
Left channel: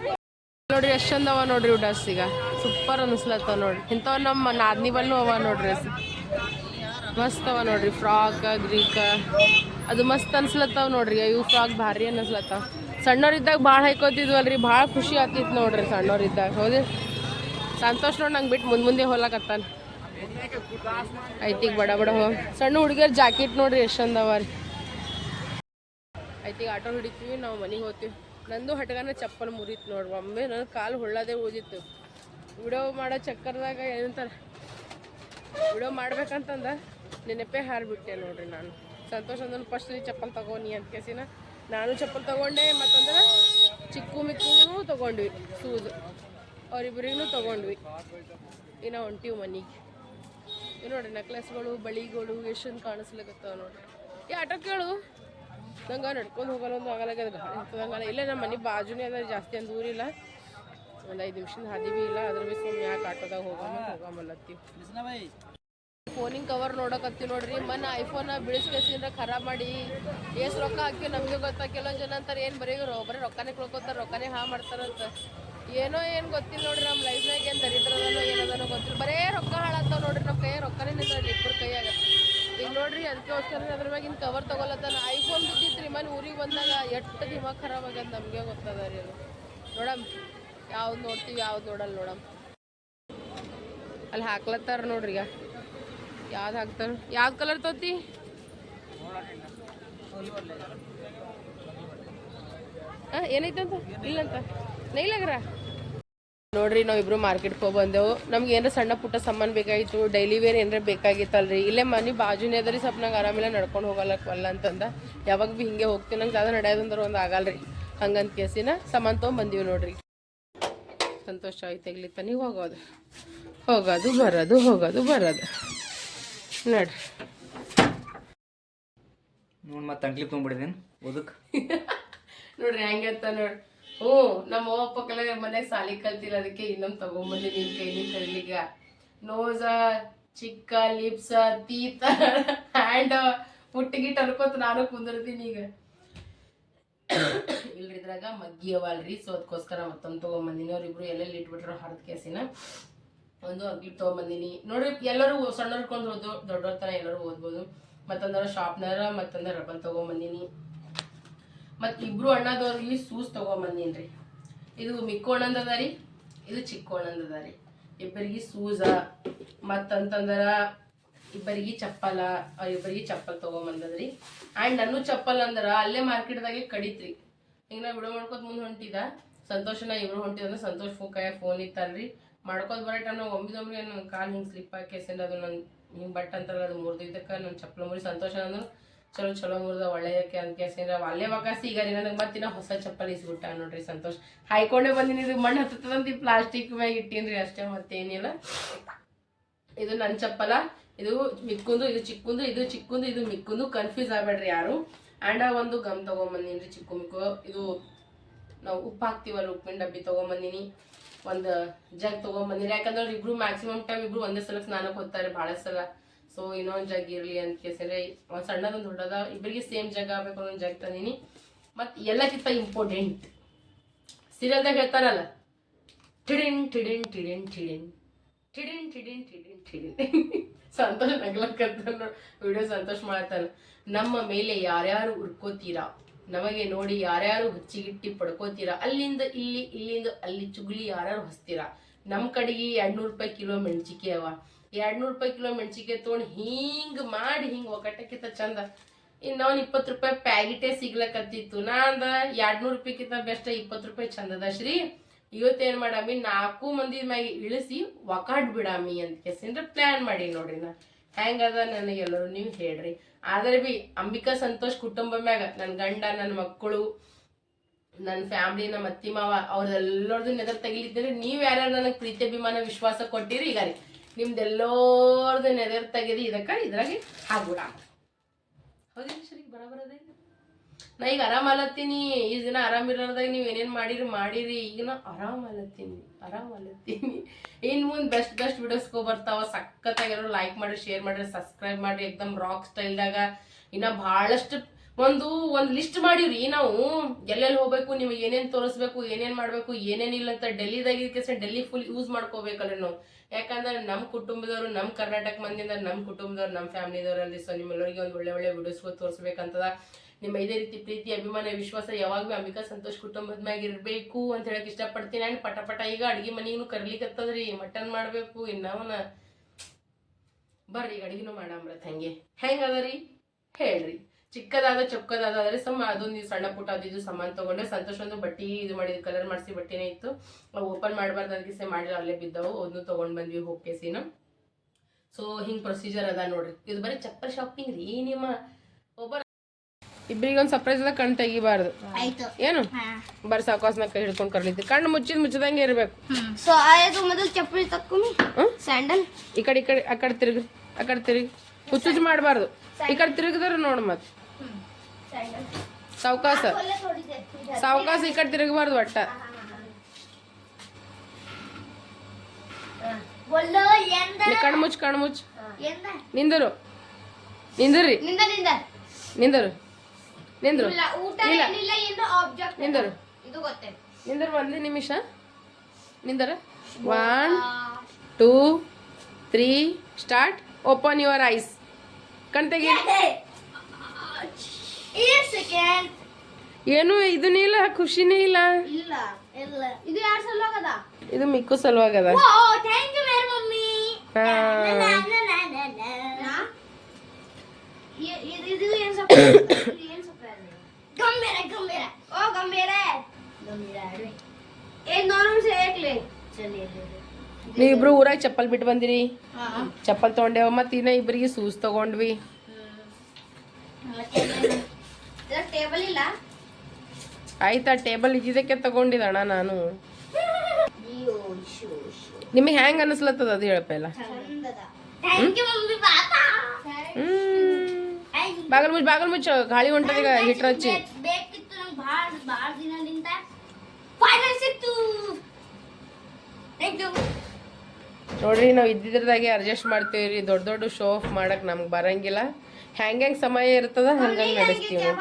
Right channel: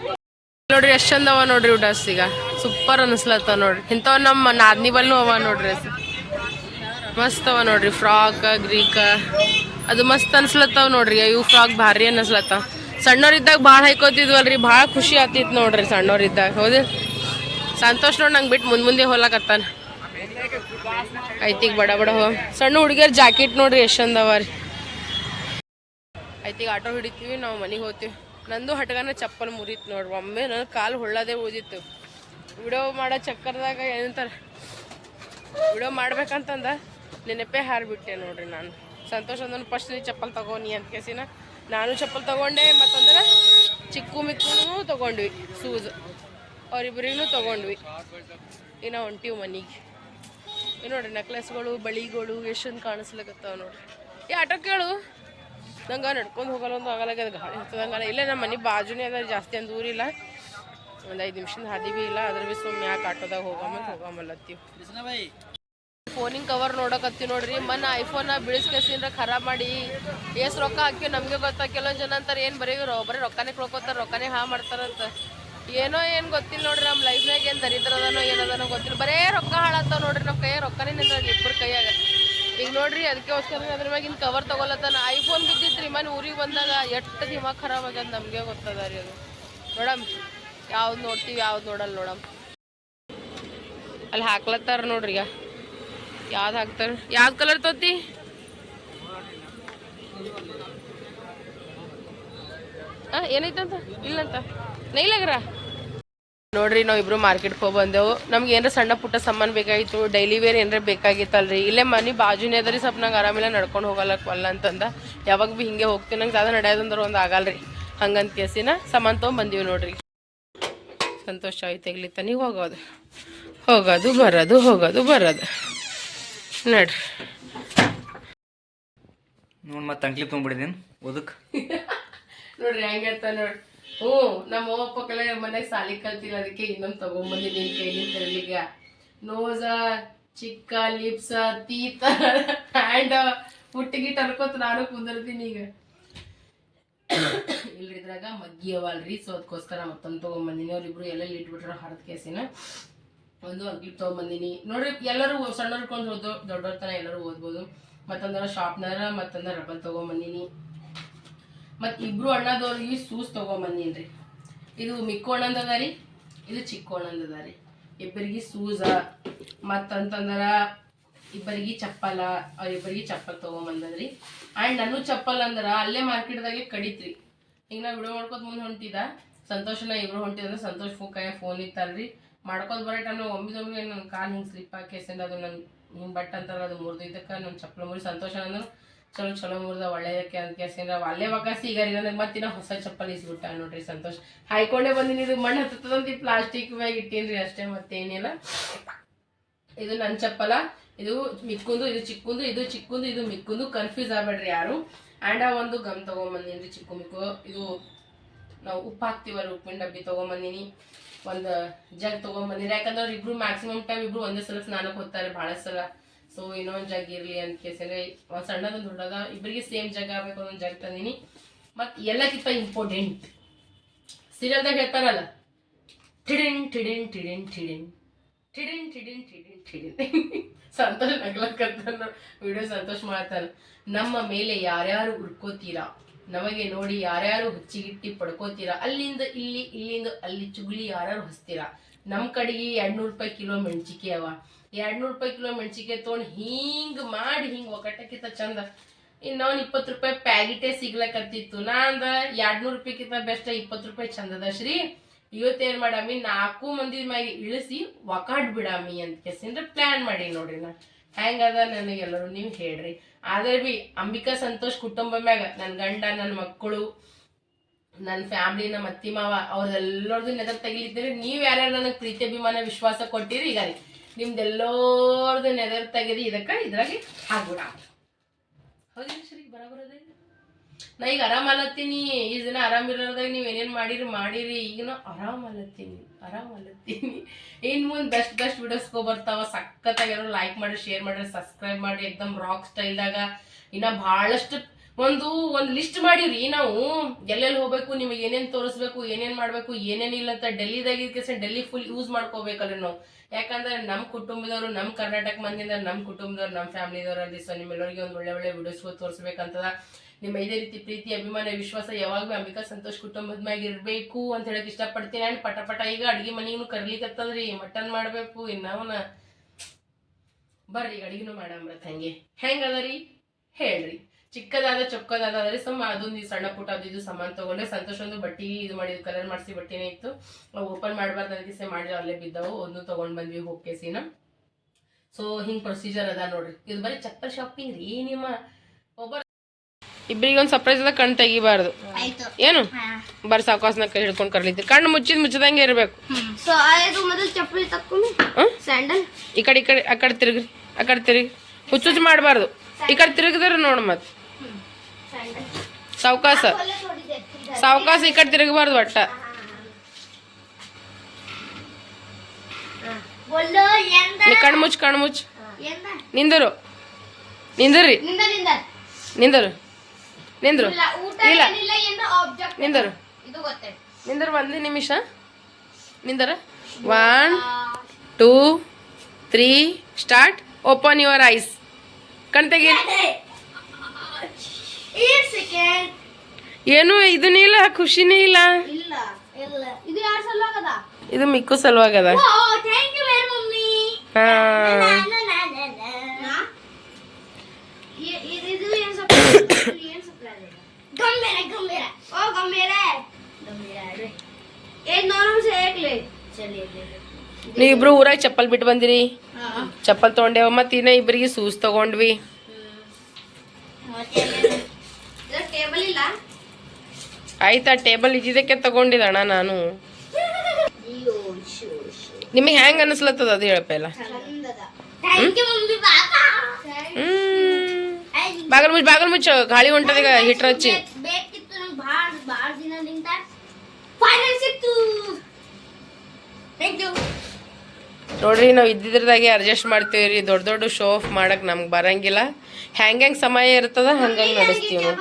ನೋಡ್ರಿ ಎಷ್ಟು ಚಂದ ಅವ ನೋಡ್ರಿ ಡ್ರೆಸ್ ಈಗ. ಸೂಪರ್ ಅನಿಸ್ಲತ್ತ ನೋಡ್ರಿ. ಇಂಥವ್ ನಮ್ಮ ನಾದ್ನಿ ಬಲ್ನು ಅವ ನೋಡ್ರಿ ಮಸ್ತ್ ಅವ ನೋಡ್ರಿ ಫ್ರಾಕ್, ಗ್ರೀಕ. ಅದು ಮಸ್ತ್ ಅನ್ಸ್ಲತ್ತಾವ ನೋಡ್ರಿ. ಇವು ಫ್ರಾಕ್ ಭಾರಿ ಅನ್ಸ್ಲತ್ತಾವ ಸಣ್ಣವ್ರಿದ್ದಾಗ ಭಾಳ ಹೈಕೋತಿದ್ವಲ್ರಿ, ಭಾಳ ಖುಷಿ ಆತಿತ್ತು ನೋಡ್ರಿ ಸಣ್ಣವ್ರಿದ್ದಾಗ. ಹೌದು. ಸಂತೋಷ್ ನೋಡಿ ನಂಗೆ ಬಿಟ್ಟು ಮುಂದೆ ಮುಂದೆ ಹೋಲಕತ್ತಾನ. ಐತಿಗೆ ಬಡ ಬಡ ಹೋ. ಸಣ್ಣ ಹುಡುಗಿಯರ್ ಜಾಕೆಟ್ ನೋಡ್ರಿ ಎಷ್ಟು ಚಂದ ಅವ ರೀ. ಐತಿಗೆ ಆಟೋ ಹಿಡಿತೀವಿ, ನಾವು ಮನೆಗೆ ಹೋಗ್ತೀವಿ. ನಂದು ಹಟಗನ ಚಪ್ಪಲ್ ಮುರಿತು ನೋಡ್ರಿ ಒಮ್ಮೆ ನನ್ನ ಕಾಲು ಹೊಳ್ಳದೇ ಊದಿತ್ತು ವಿಡಿಯೋ ಮಾಡೋ ಚಕ್ಕರ್ದಾಗ ಏನಂತಾರೆ? ವಿಡಿಯೋ ಮಾಡ್ಬೇಕಂತಂದ ನೆನಪೇ ಹಾರಿಬಿಟ್ಟೆ ನೋಡ್ರಿ ನಾನು. ಸಂತೋಷ ಅಂದನು, ಫಸ್ಟ್ ನೀ ಚಪ್ಪಲ್ ತಗೋನಿ ಅಂತ ಕೇಸಿನ. ನಾನು ಚಪ್ಪಲ್ ತಗೊಂಡೆ ಮತ್ತಂದ್ರೆ ಚಿಕ್ಕು ಮಿಕ್ಕೂ ತಗೊಂಡ್ವಿ ಶೂಸ್ ಅವರಿಬ್ಬರಿಗೂ ತಗೊಂಡ್ವಿ. ಇನ್ನು ಹೊಂಟಿವಿ ಮನೆಗೆ. ನೋಡ್ರಿ ನೆಕ್ಲೆಸ್ಗಳು ಬಳಿಗಳು ಎಷ್ಟೊಂದು ಕಾಣಿಸ್ಲಕತ್ತಾವ ನೋಡ್ರಿ. ಏ ಆಟೋ ಕೇಳು. ನಂಗೆ ನಡ್ಕೊಂಡು ಹೋಗಲ್ಲ, ಒಂದು ಆಗಲ್ಲ ಗಾಳಿ ಹತ್ತದಂಗಲ್ಲ ಇಲ್ಲ ನಮ್ಮ ಮನೆ ಬಾಜುನೇ ಅದ, ಜಾಸ್ತಿ ಅಂದ ಊರಿಲ್ಲ ಒಂದು ಐದು ನಿಮಿಷದ ಹಾದಿ ಭೀ ಇಲ್ಲ, ಅದ್ರ ಬಿ ಸುಮ್ಮನೆ ಯಾಕೆ ಆಟೋದಾಗ ಹೋಗಮ್ಮಂತ ಹೋಗಮಲ್ಲತ್ತೀವಿ ಫೋನಿನ ಕವರ್ ನೋಡಕತ್ತೀವಿ ನೋಡ್ರಿ ಮೊನ್ನೆ ಐಫೋನ ಬಿಡಿಸ್ಕೇಸಿಂದ್ರ ಖರಾಬ್ ಮಾಡಿ. ಎಷ್ಟು ರೊಕ್ಕ ಹಾಕಿ ನಮಗೆ ಗೊತ್ತಾ ಕೆಲವೊಂದು ಜನ ಅಂತಾರೆ, ಏನು ಬರೀ ಬರೀ ರೊಕ್ಕನೇ ಕಳ್ಕೊತಾರೆ, ರೊಕ್ಕನೇ ಹಾ ಮಾಡ್ತಾರಂತ ಏನೋ ಏನು ಗೊತ್ತಿಲ್ಲ ನೋಡ್ರಿ ನಮ್ಮ ಲೈಫ್ನಾಗ ಏನು ದರಿದ್ರದನೋ ಏನದನೋ ಗೊತ್ತಿಲ್ಲ ಬರೇ ರೊಕ್ಕ ಹಾಳಾಗ್ತಾವ ನೋಡ್ರಿ ನಮ್ಮ ಕೈ ರೊಕ್ಕನೇ ನಿಂತ ಇಬ್ಬರು ಕೈಯಾಗ. ಈಗ ನೋಡ್ರಿ ಅದಕ್ಕೋಸ್ಕರ ಅದ್ರ ಮ್ಯಾಗಿನ ಕವರ್ ತಗೊಲತ್ತಾನ ಐಫೋನ್ ಬಿದ್ದಿತ್ರಿ ಮನೆ, ಊರಿಗೆ ಬಂದಾಗ ಎಷ್ಟು ದಿಮ ಖರಾಬ್ ಆಗ್ಯದ ನಮಗೆ ಗೊತ್ತದ ರೀ ಅದು. ನೋಡಮ್, ಯಾವ್ದು ನೋಡ್ತೀವಿ, ಯಾವ್ದು ನೋಡಲ್ಲ ನೋಡಮ್. ಅಲ್ಲಿ ಹಾಕ್ಲತ್ತಾರ ನೋಡ್ರಿ ಈಗ. ಯಾವ್ದು ಹಾಕ್ತಾರ? ಯಾವ್ದು ಕಲರ್ ತೋತಿ ಆ, ಏನೈತಂತ? ಇಲ್ಲಂತ. ನೈಲಾಗ್ರ ನೋಡ್ರಿ ನಾವು ಇಬ್ರು ಮಾರ್ಕೆಟ್ಗೆ ಹೋಗಿ ಬಂದೆವು ನಮ್ಗೆ ಏನಾರ ಸಣ್ಣ ಪುಟ್ಟ ಸಾಮಾನು ಬೇಕಾಗಿತ್ತು ಡೈಲಿ ವೇರ್ ಏನಾರ ಬೇಕಾಗಿತ್ತಲ್ರಿ. ಇಲ್ಲೇ ಮನೆ ಬಾಜುನೇ ಅದರಿ ಸ್ವಲ್ಪ ನಂಗೆ ಆರಾಮಿಲ್ಲ ನಡ್ಕೊಂಡು ಹೋಗಲಕ್ ಒಲ್ಲ ಅಂತಂದ. ಯಾವಾಗ ಭೀ ಹಿಂಗೆ ಹೋಗ್ತೀನಿ ನಂಗೆ ಜಾದ ನಡೆಯೋದಂದ್ರೆ ಒಂದು ಆಗಲ್ರಿ. ಹಂಗಂತ ಕೇಸಿನ ಸಾಮಾನು ತೊಗೊಂಡ್ ಬಂದೀವಿ ನೋಡ್ರಿ. ಸಂತೋಷ ಆಯ್ತು ತೆಗ್ಲಿತ್ತ ನೀವು ಹೋಗೋದು. ಹೋಗೋದು ಬರೋದು ಹೋಗೋದು ಬರೋದು. [laughs] ನೋಡ್ರಿ. ನೋಡಿ ಮತ್ತೆ ಅಂಕ್ಲಿ ತೊಗೊಂಡ್ಬಿಡಿದೇನು ಓದಕ್ಕೆ ನೋಡ್ರಿ ಹೆಂಗೆ ನೋಡ್ರಿ. ಹ್ಞೂ ನಮ್ಮ ಅವ್ವಪ್ಪ ಕಲೆ ಮನೆಗೆ ಸಾಲಿ ಕಲ್ತಿಲ್ಲ, ಅದಕ್ಕೆ ಇನ್ನೊಂದು ತಗೊಂಬಂದಿ ನಿನ್ನ ಕೈಲಿ ತರ್ಲಿಗ. ನೋಸ, ಚಿಕ್ಕ, ಲಿಪ್ಸ, ತೀತ ಹ್ಯಾಂಡ್ ಮುಟ್ಟಿಗಿಟ್ಟು ಅನ್ಕೋತ ನಾನು ಕುಂದಿರ್ತೀನಿ ಈಗ. ಇಲ್ರಿ ಇದ್ರಾಗ ಮಗ್ಗಿ ಅವಲ್ರಿ, ಸೊ ಅದಕ್ಕೋಸ್ಕರ ಮತ್ತೊಂದು ತಗೊಂಬಂದಿನಿ. ಅವ್ರಿಬ್ರು ಎಲ್ಲೆಲ್ಲಿ ಇಟ್ಬಿಟ್ರು ಹರದ ಕೇಸಿನ. ಒಂದು ಅಗ್ಲಿ ತೊಗೊಂಬಂದಿನಿ. ನೋಡ್ರಿ, ಎಲ್ಲರೂ ಸಣ್ಣ ಕೊಂಡು ಓದೋ ದೊಡ್ಡವ್ರ ತನ ಎಲ್ಲರೂ ಓದ್ಬೋದು. ಮತ್ತೊಂದರ ಶಾಪ್ನರ ಮತ್ತೊಂದರ ರಬ್ಬಲ್ ತೊಗೊಂಬಂದಿನಿ. ಮತ್ತು ಇಬ್ರು ಅಣ್ಣದವ್ರಿಗೆ ಸೂಸ್ ತೊಗೊಂಬಂದೀನಿ ಇದು ಮಿಕ್ಕೋ ಅಣ್ಣಂದ್ ರೀ ಇದು ಚಿಕ್ಕು ಅಣ್ಣಂದ್ ಅದ ರೀ ಇಬ್ಬರಿಗೆ ಸೂಸ, ಮತ್ತಂತಂದ್ರ ಇಬ್ಬರಿಗೆ ಚಪ್ಪಲ, ಅವ್ರಿಬ್ಬರಿಗೆ ಚಪ್ಪಲ್ ತೊಗೊಂಬಂದದ್ರಿ. ಆ್ಯಂಡ್ ನಾನು ಚಪ್ಪಲ್ ಅಂದ್ರೆ ಅಲ್ಲೇ ಮಾರ್ಕೆಟ್ದಾಗೆ ಕಡಿತ್ರಿ. ಹಿಂಗೆ ನಾವು ವಿಡಿಯೋ ಮಾಡ್ಕೊತ ಮುಂದೆ ಹೊಂಟಿದ. ಸಂತೋಷನ ಇಬ್ರು ಹೊಂಟಿದಂದ್ರೆ ಸಂತೋಷ್ ಫೋ ಕೈಯ ಫೋನ್ ಇತ್ತಲ್ರಿ. ಮಾಡ್ಕೊತ ನಾನು ಒಮ್ಮಿದೊಮ್ಮಿಗೆ ನನ್ನ ಕಾಲು ಹಿಂಗೆ ಸ್ಲಿಪ್ ಹಾಕೇಸಿಂದ ಅದು ನನ್ನ ಹಿಂಗೆ ಬಟ್ ಅಂತಾರಲ್ಲ ಅದು ಮುರಿದಿದ್ದಕ್ಕೆ ನನ್ನ ಚಪ್ಪಲ ಮುರಿ ಸಂತೋಷ ಅಂದ್ರೆ. ಚಲೋ ಚಲೋ ಮುರಿದ ಒಳ್ಳೆಯದಕ್ಕೆ ಅಂತ ಕೇಸಿಂದ ಅಲ್ಲೇ ವಕಾಸಿ ಈಗ ರೀ ನನಗೆ ಮತ್ತಿನ ಹೊಸ ಚಪ್ಪಲಿ ಇಸ್ಬಿಟ್ಟ ನೋಡ್ರಿ ಸಂತೋಷ್. ಹಾಯ್ಕೊಂಡೇ ಬಂದಿನಿ, ಇದು ಮಣ್ಣು ಹತ್ತದಂತ ಈ ಪ್ಲಾಸ್ಟಿಕ್ ಮ್ಯಾಗ ಇಟ್ಟೀನ್ರಿ ಅಷ್ಟೇ, ಮತ್ತೇನಿಲ್ಲ. ಇದು ನನ್ನ ಚಪ್ಪಲ, ಇದು ಮಿಕ್ಕುಂದು, ಇದು ಚಿಕ್ಕುಂದು ಇದು ಚಿಕ್ಕುಂದು, ಇದು ಮಿಕ್ಕುಂದು ಕನ್ಫ್ಯೂಸ್ ಆಗ್ಬೇಡ್ರಿ ಯಾರು. ಆ್ಯಂಡ್ ಆ ಒಂದು ಗಮ್ ತೊಗೊಂಬಂದಿನಿ ಚಿಕ್ಕು ಮಿಕ್ಕು. ಇದು ನಾವು ಉಪ್ಪು ಹಾಕ್ತೀವಲ್ಲ ಉಪ್ಪಿನ ಡಬ್ಬಿ ತೊಗೊಂಬಂದಿನಿ. ಒಂದು ಜಗ್ ತೊಗೊಂಬಂದಿನಿ ಯಾಕಂದ್ರೆ ಅವ್ರು ಇಬ್ರು ಮ್ಯಾಕ್ಸಿಮಮ್ ಟೈಮ್ ಇಬ್ರು ಒಂದೇ ಸಲ ಸ್ನಾನಕ್ಕೆ ಹೋಗ್ತಾರೆ, ಭಾಳ ಸಲ. ಸೊ ಇನ್ನೊಂದು ಜಗ್ ಇರಲಿ ಅಂತ ಕೇಸಂದ್ರೆ ಒಂದು ಸಣ್ಣದೊಂದು ದೊಡ್ಡದ ಇಬ್ಬರಿಗೆ ಸೇಮ್ ಜಗ್ ಆಗ್ಬೇಕು ಅದೊಂದು ಜಗ್ ತಂದೀನಿ. ಮತ್ತು ಎಲ್ಲಕ್ಕಿಂತ ಇಂಪಾರ್ಟೆಂಟ್ ಸೀರಿಯಲ್ದಾಗ ಹೇಳ್ತಾರಲ್ಲ ಟಿಡಿನ್ ಟಿಡಿನ್ ಟಿಡಿನ್ ಟಿಡಿನ್ ಟಿಡಿನ್ ಟಿಡಿನ್ ಟಿಡಿನ್ ಟಿಡಿನ್. [laughs] ಸಂತೋಷ ನಗ್ಲಕ್ಕಂತ ವಿಡಿಯೋ ಸಂತೋಷ ಮಾಡ್ತಾನೆ. ನಮ್ಮ ಮೇಲೆ ಯಾರ್ಯಾರು ಉರ್ಕೋತೀರಾ ನಮಗೆ ನೋಡಿ ಯಾರ್ಯಾರು ಹುಚ್ಚಿಗಿಟ್ಟಿ ಪಡ್ಕೋತೀರಾ? ಅಲ್ಲಿಂದ ಇಲ್ಲಿ, ಇಲ್ಲಿಂದ ಅಲ್ಲಿ ಚುಗ್ಲಿ ಯಾರ್ಯಾರು ಹಸ್ತೀರಾ ನಮ್ಮ ಕಡೆಗೆ ಎರಡ್ನೂರು ರೂಪಾಯಿ ಕಿಲೋ ಮೆಣಸಿಕೆ ಅವ. ಎರಡ್ನೂರು ರೂಪಾಯಿ ಕಿಲೋ ಮೆಣಸಿನ್ಕಾಯಿ ತೊಗೊಂಡು ಹಿಂಗೆ ಮಾಡಿ ಹಿಂಗೆ ಒಕ್ಕಟಕ್ಕಿಂತ ಚಂದ. ಇನ್ನೊಂದು ಇಪ್ಪತ್ತು ರೂಪಾಯಿ ಪ್ಯಾಕೆಟೇ ಸಿಗ್ಲಕತ್ತಿತ್ತು. ನಾ ಅಂದ ಎರಡ್ನೂರು ರೂಪಾಯಿಗಿಂತ ಬೆಸ್ಟ್ ಇಪ್ಪತ್ತು ರೂಪಾಯಿ ಚಂದದ ಶ್ರೀ. ಇವತ್ತೇನು ಮಾಡಾಮಿ? ನಾಲ್ಕು ಮಂದಿ ಮ್ಯಾಗ ಇಳಿಸಿ ಒಕಾಟ್ ಬಿಡಾಮಿ ಅಂತ ಕೆಸಿಂದ್ರ ಪ್ಲ್ಯಾನ್ ಮಾಡಿ ನೋಡ್ರಿ ನಾ. ಹೆಂಗದ ನನಗೆ ಎಲ್ಲರೂ ನೀವು ಹೇಳ್ರಿ. ಆದ್ರೆ ಬಿ ಅಂಬಿಕಾ ಸಂತೋಷ್ ಕುಟುಂಬ ಮ್ಯಾಗ ನನ್ನ ಗಂಡ ನನ್ನ ಮಕ್ಕಳು ನನ್ನ ಫ್ಯಾಮ್ಲಿ ನಮ್ಮ ಅತ್ತಿ ಮಾವ ಅವ್ರೆಲ್ಲರದ್ದು ನೆದರ್ ತೆಗಿಲಿದ್ದೀರಿ ನೀವು ಯಾರ್ಯಾರು ನನಗೆ ಪ್ರೀತಿ ಅಭಿಮಾನ ವಿಶ್ವಾಸ ಕೊಟ್ಟಿರಿ ಈಗ ರೀ. ನಿಮ್ದೆಲ್ಲರದು ನೆದರ್ ತೆಗೆದು ಇದಕ್ಕೆ ಇದ್ರಾಗೆ ಹಾಕ್ಬಿಡ. ಹೌದಿಲ್ಲ ಸರಿ ಬರಬರದ ನಾ ಈಗ ಆರಾಮ್ ಅಲತ್ತೀನಿ. ಈ ದಿನ ಆರಾಮ್ ಇರೋದಾಗ ನೀವು ಏನೇನು ಮಾಡಿರಿ ಮಾಡಿರಿ. ಅಲತ್ತೀನಿ. ಆರಾಮ್ ಅಲತ್ತೀನಿ. ಇನ್ನು ಮುಂದೆ ಬೆಸ್ಟ್ ಬೆಸ್ಟ್ ವಿಡಿಯೋಸ್ಕೊ ಬರ್ತಾವ ಸಖತ್ತಾಗಿರೋ ಲೈಕ್ ಮಾಡಿ ಶೇರ್ ಮಾಡಿರಿ ಸಬ್ಸ್ಕ್ರೈಬ್ ಮಾಡಿ ಎಕ್ದಮ್ ರಾಕ್ ಸ್ಟೈಲ್ದಾಗ ಇನ್ನ ಭಾಳಷ್ಟು ಒಂದು ಒಂದು ಲಿಸ್ಟ್ ಮಾಡಿವ್ರಿ. ನಾವು ಎಲ್ಲೆಲ್ಲಿ ಹೋಗ್ಬೇಕು, ನಿಮ್ಗೆ ಏನೇನು ತೋರಿಸ್ಬೇಕು, ಏನೇನು ಮಾಡಬೇಕು ಏನೇನಿಲ್ಲ ಅಂತ ಡೆಲ್ಲಿದಾಗ ಇದಕ್ಕೆ ಡೆಲ್ಲಿ ಫುಲ್ ಯೂಸ್ ಮಾಡ್ಕೋಬೇಕಲ್ಲ ನಾವು. ಯಾಕಂದ್ರೆ ನಮ್ಮ ಕುಟುಂಬದವರು ನಮ್ಮ ಕರ್ನಾಟಕ ಮಂದಿಯಿಂದ ನಮ್ಮ ಕುಟುಂಬದವ್ರು ನಮ್ಮ ಫ್ಯಾಮಿಲಿದವ್ರಲ್ಲಿ ಸೊ ನಿಮ್ಮೆಲ್ಲರಿಗೆ ಒಂದು ಒಳ್ಳೆ ಒಳ್ಳೆ ವಿಡಿಯೋಸ್ಗಳು ತೋರಿಸ್ಬೇಕಂತದ. ನಿಮ್ಮ ಇದೇ ರೀತಿ ಪ್ರೀತಿ, ಅಭಿಮಾನ, ವಿಶ್ವಾಸ ಯಾವಾಗಲೂ ಅಂಬಿಕಾ ಸಂತೋಷ್ ಕುಟುಂಬದ ಮ್ಯಾಗ ಇರಬೇಕು ಅಂತ ಹೇಳಕ್ ಇಷ್ಟಪಡ್ತೀನಿ. ಆ್ಯಂಡ್ ಪಟ ಪಟ ಈಗ ಅಡುಗೆ ಮನೆಗೂ ಕರ್ಲಿಕ್ಕತ್ತದ್ರಿ ಮಟನ್ ಮಾಡಬೇಕು ಇನ್ನವನ ಬರ್ರಿ ಅಡಿಗೆನೂ ಮಾಡಾಮ್ರತ್ ಹೆಂಗೆ. ಹೆಂಗದ ರೀ ಹೇಳ್ರಿ. ಚಿಕ್ಕದಾದ ಚೊಕ್ಕದಾದ ಅಂದ್ರೆ ಸಮ ಅದೊಂದು ಸಣ್ಣ ಪುಟ್ಟ ಅದು ಇದು ಸಾಮಾನು ತಗೊಂಡೆ ಸಂತೋಷ ಒಂದು ಬಟ್ಟಿ ಇದು ಮಾಡಿದ್ ಕಲರ್ ಮಾಡಿಸಿ ಬಟ್ಟೆನೇ ಇತ್ತು. ಓಪನ್ ಮಾಡಬಾರ್ದು ಅದಕ್ಕೆ ಸೇ ಮಾಡಿದ್ರೆ ಅಲ್ಲೇ ಬಿದ್ದವು. ಒಂದು ತಗೊಂಡ್ ಬಂದ್ವಿ ಹೋಗ್ಕೇಸಿನ. ಸೊ ಹಿಂಗ್ ಪ್ರೊಸೀಜರ್ ಅದ ನೋಡ್ರಿ. ಇದು ಬರೀ ಚಪ್ಪಲ್ ಶಾಪಿಂಗ್ ರೀ ನಿಮ್ಮ ಒಬ್ಬ ಇಬ್ಬರಿಗೊಂದ್ ಸರ್ಪ್ರೈಸ್ ಅದ ಕಣ್ ತೆಗಿಬಾರ್ದು. ಏನು? ಬರ್ಸ ಬರ್ರಿ ಸಾವಕಾಸನ ಕೈ ಹಿಡ್ಕೊಂಡು ಕರ್ಲಿತ್ತೀರಿ ಕಣ್ಣು ಮುಚ್ಚಿದ್ ಮುಚ್ಚದಂಗೆ ಇರಬೇಕು. ಚಪ್ಪಲಿ ಸ್ಯಾಂಡಲ್? ಈ ಕಡೆ ಈ ಕಡೆ ಆ ಕಡೆ ತಿರುಗ್ರಿ. ಆ ಕಡೆ ತಿರುಗಿ ಹುಚ್ಚು ಹುಚ್ಚು ಮಾಡಬಾರ್ದು. ಈ ಕಡೆ ತಿರುಗಿದ್ರೆ ನೋಡು ಮತ್ತೆ ಸಾವಕಾಸ. ಸಾವುಕಾಸ ಈ ಕಡೆ ತಿರುಗಬಾರ್ದು ಒಟ್ಟ ಕಣ್ ಮುಚ್ಚು ಕಣ್ ಮುಚ್ಚು. ನಿಂದರು. ನಿಂದ್ರಿ. ನಿಂದ ನಿಂದ. ನಿಂದರು. ನಿಂದ್ರು. ಇಲ್ಲ ನಿಂದರು. ನಿಂದರು ಒಂದು ನಿಮಿಷ. ನಿಂದರ? One two three start open your eyes ಕಣ್ ತೆಗಿ. ಏನು ಇದನ್ನ ಇಲ್ಲ ಖುಷಿನೇ ಇಲ್ಲ. ಇದು ಮಿಕ್ಕು ಸಲುವಾಗದ. ನೀವಿಬ್ರು ಊರಾಗ ಚಪ್ಪಲ್ ಬಿಟ್ಟು ಬಂದಿರಿ. ಚಪ್ಪಲ್ ತಗೊಂಡೇವ ಮತ್ತ ಇನ್ನ ಇಬ್ರಿಗೆ ಸೂಸ್ ತಗೊಂಡ್ವಿ. ಆಯ್ತಾ ಟೇಬಲ್ ಇದ್ದಿದ್ದಕ್ಕೆ ತಗೊಂಡಿದಣ ನಾನು. ನಿಮಗೆ ಹೆಂಗ್ ಅನಿಸ್ಲತ್ತದ ಅದು ಹೇಳಪ್ಪ ಎಲ್ಲ? ಬಾಗಲ್ ಮುಚ್ಚ ಬಾಗಲ್ ಮುಚ್ಚ. ಗಾಳಿ ಹೊಂಟದೀಗ ಹಿಟ್ರ ಹಚ್ಚಿ. ಬೇಕಿತ್ತು ನಂಗೆ ಭಾಳ ಭಾಳ ದಿನದಿಂದ. ಫೈನಲ್ ಸಿಕ್ತು. ಥ್ಯಾಂಕ್ ಯು ನೋಡ್ರಿ ನಾವು ಇದ್ದಿದ್ರದಾಗೆ ಅಡ್ಜಸ್ಟ್ ಮಾಡ್ತೀವಿ ರೀ. ದೊಡ್ಡ ದೊಡ್ಡ ಶೋ ಆಫ್ ಮಾಡಕ್ ನಮ್ಗೆ ಬರಂಗಿಲ್ಲ. ಹ್ಯಾಂಗ್ ಹೆಂಗ್ ಸಮಯ ಇರ್ತದ ಹಂಗಂಗೆ ನಡೆಸ್ತೀವಿ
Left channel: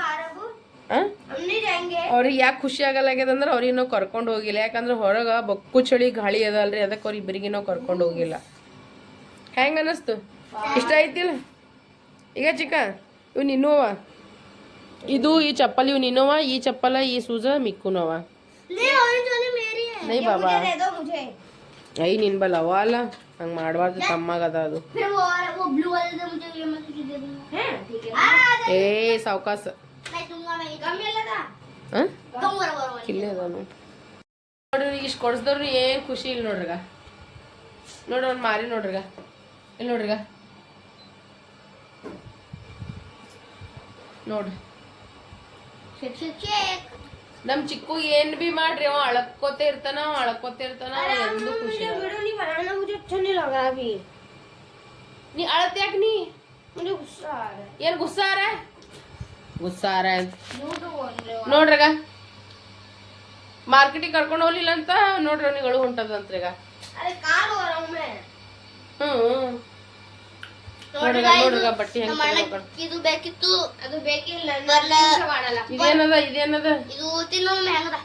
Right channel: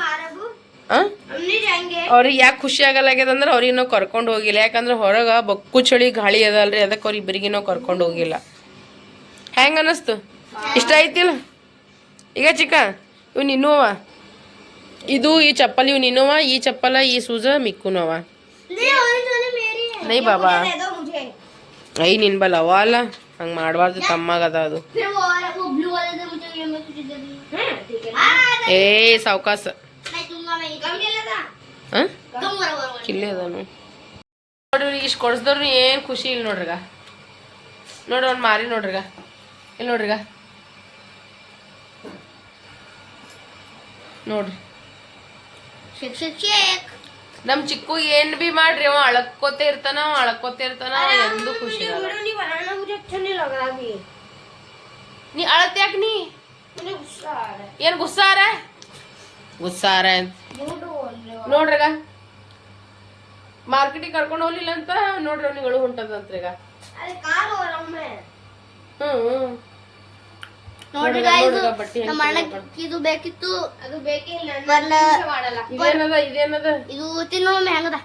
ಅವ್ರಿಗೆ ಯಾಕೆ ಖುಷಿ ಆಗಲಾಗ್ಯದಂದ್ರೆ ಅವ್ರಿಗೆ ನಾವು ಕರ್ಕೊಂಡು ಹೋಗಿಲ್ಲ. ಯಾಕಂದ್ರೆ ಹೊರಗೆ ಬೊಕ್ಕು ಚಳಿ ಗಾಳಿ ಅದಲ್ರಿ ಅದಕ್ಕೆ ಅವ್ರಿಗೆ ಇಬ್ಬರಿಗೆ ನಾವು ಕರ್ಕೊಂಡು ಹೋಗಿಲ್ಲ. ಹೆಂಗೆ ಅನ್ನಿಸ್ತು ಇಷ್ಟ ಆಯ್ತಿಲ್ಲ? ಈಗ ಚಿಕ್ಕ ಇವ್ ನಿನ್ನೋವ ಇದು ಈ ಚಪ್ಪಲ್ ಇವ್ ನಿನ್ನೋವ ಈ ಚಪ್ಪಲ ಈ ಸೂಜ ಮಿಕ್ಕುನೋವ. ನೈ ಬಾಬಾ. ಐ ನಿನ್ ಬಲ್ ಅವ ಅಲ್ಲ. ಹಂಗೆ ಮಾಡಬಾರ್ದು ತಮ್ಮಾಗದ ಅದು ಏ ಸಾವಕಾಶ ಅದಾನು ನೋಡ್ರಿ ಇಷ್ಟು ಕೊಡ್ಸ್ದವ್ರು ಏನು ಖುಷಿ ಇಲ್ಲ ನೋಡ್ರಿಗ. ನೋಡ್ರಿ ಅವ್ನು ಮಾರಿ ನೋಡ್ರಿಗ. ಇಲ್ಲಿ ನೋಡ್ರಿಗ. ನೋಡ್ರಿ. ನಮ್ ಚಿಕ್ಕು ಏನ್ ಬಿ ಮಾಡ್ರಿ ಅವ ಅಳಕೋತೆ ಇರ್ತಾನ ಅವ ಅಳಕೋತೆ ಇರ್ತಾನ ಎಂದು ಖುಷಿ ನೀ ಅಳತ್ಯಾಕ ನೀ? ಏನ್ ಗುಸ್ಸಾರ? ಗುಸ್ಸಾರ ಅಂತ. ನೋಡ್ರಿಗ ಮಾರ್ಕೆಟಿಗೆ ಕರ್ಕೊಂಡು ಹೋಗ್ಲಿಲ್ಲ ಅಂತ ನೋಡ್ರಿ ಅವ್ನಿಗಳು ಹೊಂಟದಂತ್ರೀಗ अरे कहाँ हो रहा हूँ मैं ಹ್ಮ್ ನೋಡ್ರಿ ನೋಡ್ರಿಗ ನೋಡ್ರಿಗ ಬಟ್ಟೆ ಹೆಂಗ್ ನಮ್ಮ ತಗೋಬೇಕಂತ. ಅಣ್ಣಕ್ಕೆ ಇದು ಬೇಕಿತ್ತು ಅದು ಬೇಕಿಲ್ಲ ಮಾಡಲ್ಲ ಇದೇನದ ಇದೇನದ ಇದು ತಿನ್ನೋ ಒಮ್ಮೆ ಹೆಂಗದ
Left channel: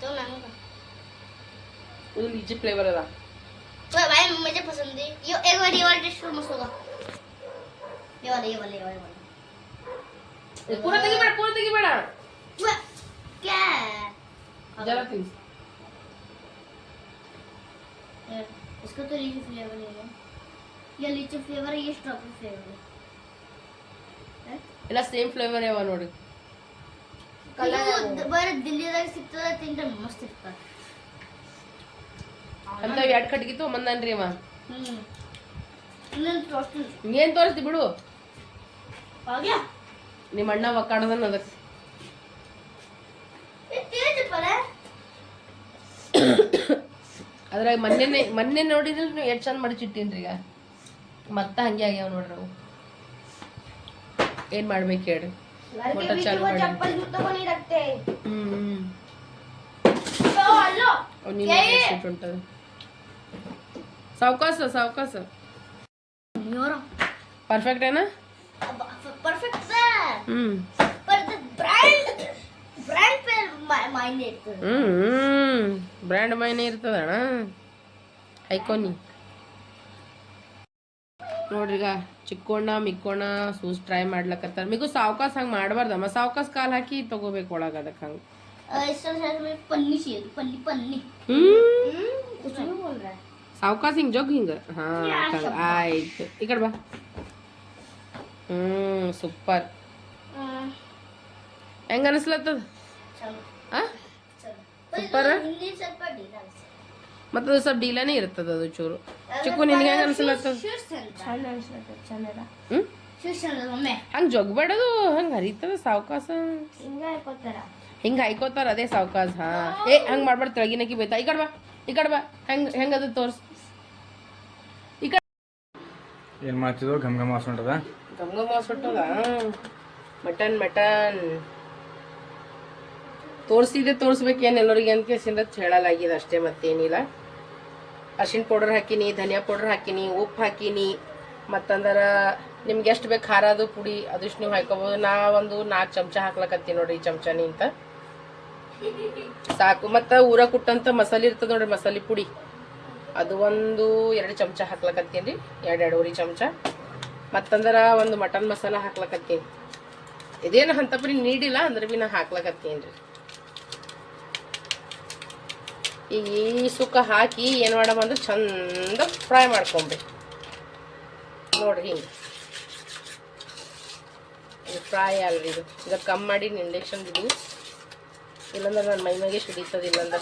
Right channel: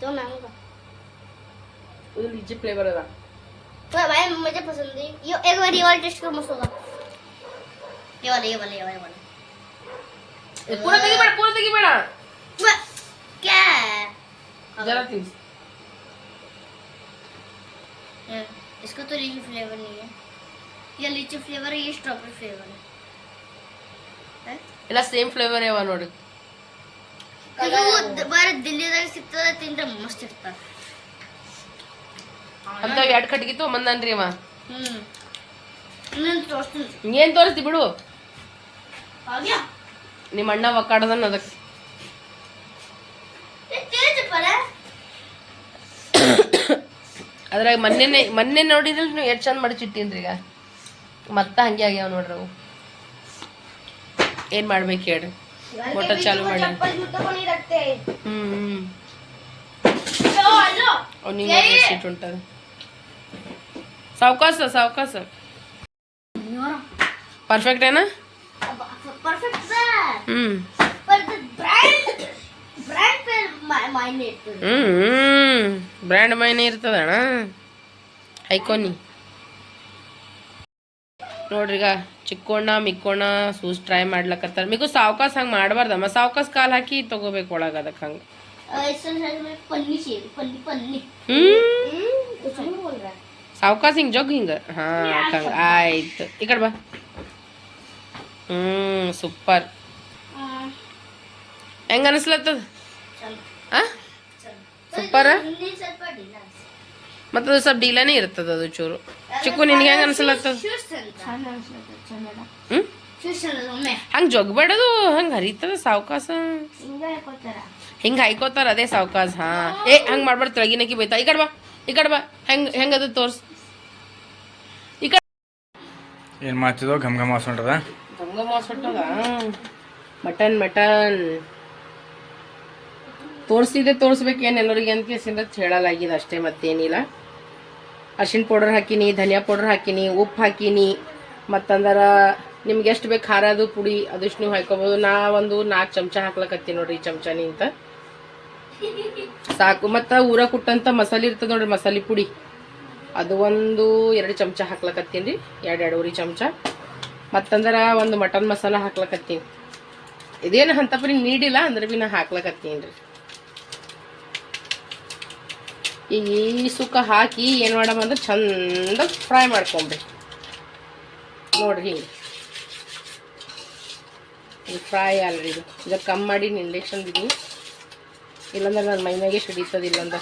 तो महंगा ಇದು ಲಿಚಿ ಫ್ಲೇವರ್ ಅದ तो भाई मुझे पसंद है ये एक बार ये वाला टेस्ट करो मस्त होगा ये वाला ये वाला ये वाला ये वाला ಪೂರ ತೆಗಿಬೇಡ ಪೂರ ತೆಗಿಬೇಡ वाह, क्या है ಜರ ತಿನ್ಸ್ ये, इसका तो लीची फ्लेवर नहीं है ये लीची फ्लेवर है ये स्ट्रॉबेरी फ्लेवर है हैं? ಎಲ್ಲ ಸೇಮ್ ಫ್ಲೇವರ್ ಯಾವ ನೋಡಿ ಇದು ಬರ ದಿಲ್ಲಿದಾಗ ಸಿಗ್ತದೆ ತಿಂದ್ರೆ ಮಸ್ತ್ ಇರ್ತದೆ ಅಂತ ಎರಡು ಕಟ್ಗಿ ತೊಗೊಂಬಂದನ್ರಿ ಅವ ಹ್ಮ್ ಇನ್ನೊಂದು ತೋರಿಸ್ತೀನಿ ಏನ್ ತೋರಿಸ್ತಿ ಬಿಡು ಆಗ್ಯಾ ನಿಮ್ಮ ಅಣ್ಣ ಒಕ್ಕಾಡದನ್ನ ಅದಕ್ಕೆ. ಅದ್ರಾಗ ಮೊನ್ನೆನೆ ಮೊನ್ನೆ ನೋಡಿದ್ರೆ ನೀವು ಎಷ್ಟು ಚಂದ ಮಡಚಿಟ್ಟಿನ್ರಿ ಈಗ? ಮತ್ತೆ ಹಂಗೆ ಆಗ್ಯಾವ ನೋಡ್ರಿ ಅವು. ಏನು ಮಾಡ್ಬೇಕು ಹೇಳ್ರಿ? ಮೋಟರ್ ಚಾಲು ಮಾಡಿ. ಹ್ಮ್ ಹ್ಞೂ ನಿಮ್ಗೆ ಸೀಟ್ ಉಂಟದೆ. ಸಾವಕಾಸ ಸಾವಕಾಸ. ಪರ್ಫೆಕ್ಟ್ ಏನಾ? ब्रांड मैने हईकोनी नोड्रीग चिण मिण सूस ट्रई मतर मिगू सवकाश हम बार सवकाश का हाकि तक अद सवकाश हिंग जो हिंग हाँ आयत इकड़ बा सूपर ಹೆಂಗೆ ಅನಿಸ್ಲತ್ತದ? ಸೂಪರ್ ಸೂಪರ? ಮತ್ತು ಅದು ಸ್ವಲ್ಪ ಡೀಲನೇ ಇರ್ತದ ಅದು ಚೂರು. ಚಿಕ್ಕು ನಿನ್ಗೆ ಹೆಂಗೆ ಅನಿಸ್ಲತ್ತದ? ಹ್ಞೂ ಹಂಗೆ ಜೊಗ್ಬೇಡದು ಹಂಗೆ ಹರಿತದ ಸಾವಕಾಶ ಹಿಂಗೆ ಹಾಯ್ಕೋತಾರ ಅದೇ ಸಾವಕಾಶ ಹಾಂ. ಏ ಹಂಗೆ ಮಾಡ್ಬಾರ್ದು ತೆಳಗಿನಕ್ಕಿ ಬೈತಾ. ಈ ಕಡೆ ಬಾ ಈ ಕಡೆ ಬಾ. ಹೆಂಗೆ ಹೆಂಗೆ ಅದ ತೋರ್ಸು. ಈ ಕಡೆ ಏನು ಮಾಡ್ತಿದ್ದೋ ಘಮ್ ಘಮ್ ಹಾಸ್ಕೊಂಡದ ಘಮ್ ಘಮ್ ಮಟನ್ ಮಟನ್. ತೋರಿಸಿದೆ, ತೋರಿಸ್ಬೇಕೇನು ಎಲ್ಲರಿಗೆ ಅಂತ ಕೇಸಿಂದ ಹೇಳಲಾಗಿದೆ ಅಷ್ಟೇ ಮತ್ತೇನಿಲ್ಲ. ಅರ್ಶಿನ ಪೌಡರ್ ಹಾಕಿನಿ, ಧನಿಯಾ ಪೌಡರ್ ಹಾಕಿನಿ, ಉಪ್ಪು ಹಾಕಿನಿ, ಮತ್ತಂದ್ರೆ ನಿಮ್ಗೆ ಎಷ್ಟು ಬೇಕು ಖಾರ ಅದು, ಪುಡಿ ಅದಷ್ಟು ನೀವು ಹಾಕೋಬೋದು. ನಾ ಒಂದು ನಾಲ್ಕು ಚಮಚ ಹಾಕ್ಲಕತ್ತೀನಿ ನೋಡ್ರಿ ಈ ಚಮಚನಿ ಅಂತ ಸಾಕು. ಮತ್ತು ಊರ ಕುಟ್ಟಂಥ ಮಸಾಲೆ ಇರ್ತದೆ ನೋಡ್ರಿ, ಮಸಾಲೆ ಪುಡಿ. ಅದು ಒಂದು ಎರಡು ಚಮಚ ಹಾಕ್ಲಕತ್ತೀನಿ ರೀ, ಎರಡು ಎರಡೂವರೆ ಚಮಚ. ಮತ್ತಂದ್ರೆ ಒಂದು ಮಟನ್ ಮಸಾಲ ಹಾಕ್ಲಕತ್ತೀನಿ. ಇದೇನು ಅಂತ ಬರೀ ನೀಡಿಲ್ಲ, ಅಂದ್ರೆ ಭೀ ನಾ ಹಾಕ್ಲಕತ್ತೀನಿ ರೀ. ಈಗ ಈ ಸುಕ್ಕ ಹಾಕಿ ಏನು ಮಾಡಮ್ಮ ಅಂದ್ರೆ ಚಂದ ಫ್ರೈ ಮಾಡ್ಕೊಂಬ್ರಿ ನೋಡ್ರಿ ಹಿಂಗೆ. ಇದು ಫ್ರೈ ಅಲ್ರಿ ಇದು. ಇದು ಕಮ್ಮಿ ಮಾಡಿ ಇಂಡಕ್ಷನ್ ಬಿಡಿ. ಇಲ್ಲಾಂದ್ರೆ ನನ್ನ ಮೈನಾಗೆ ಸಿಡಿತದ ಇಲ್ಲಂದ್ರೆ.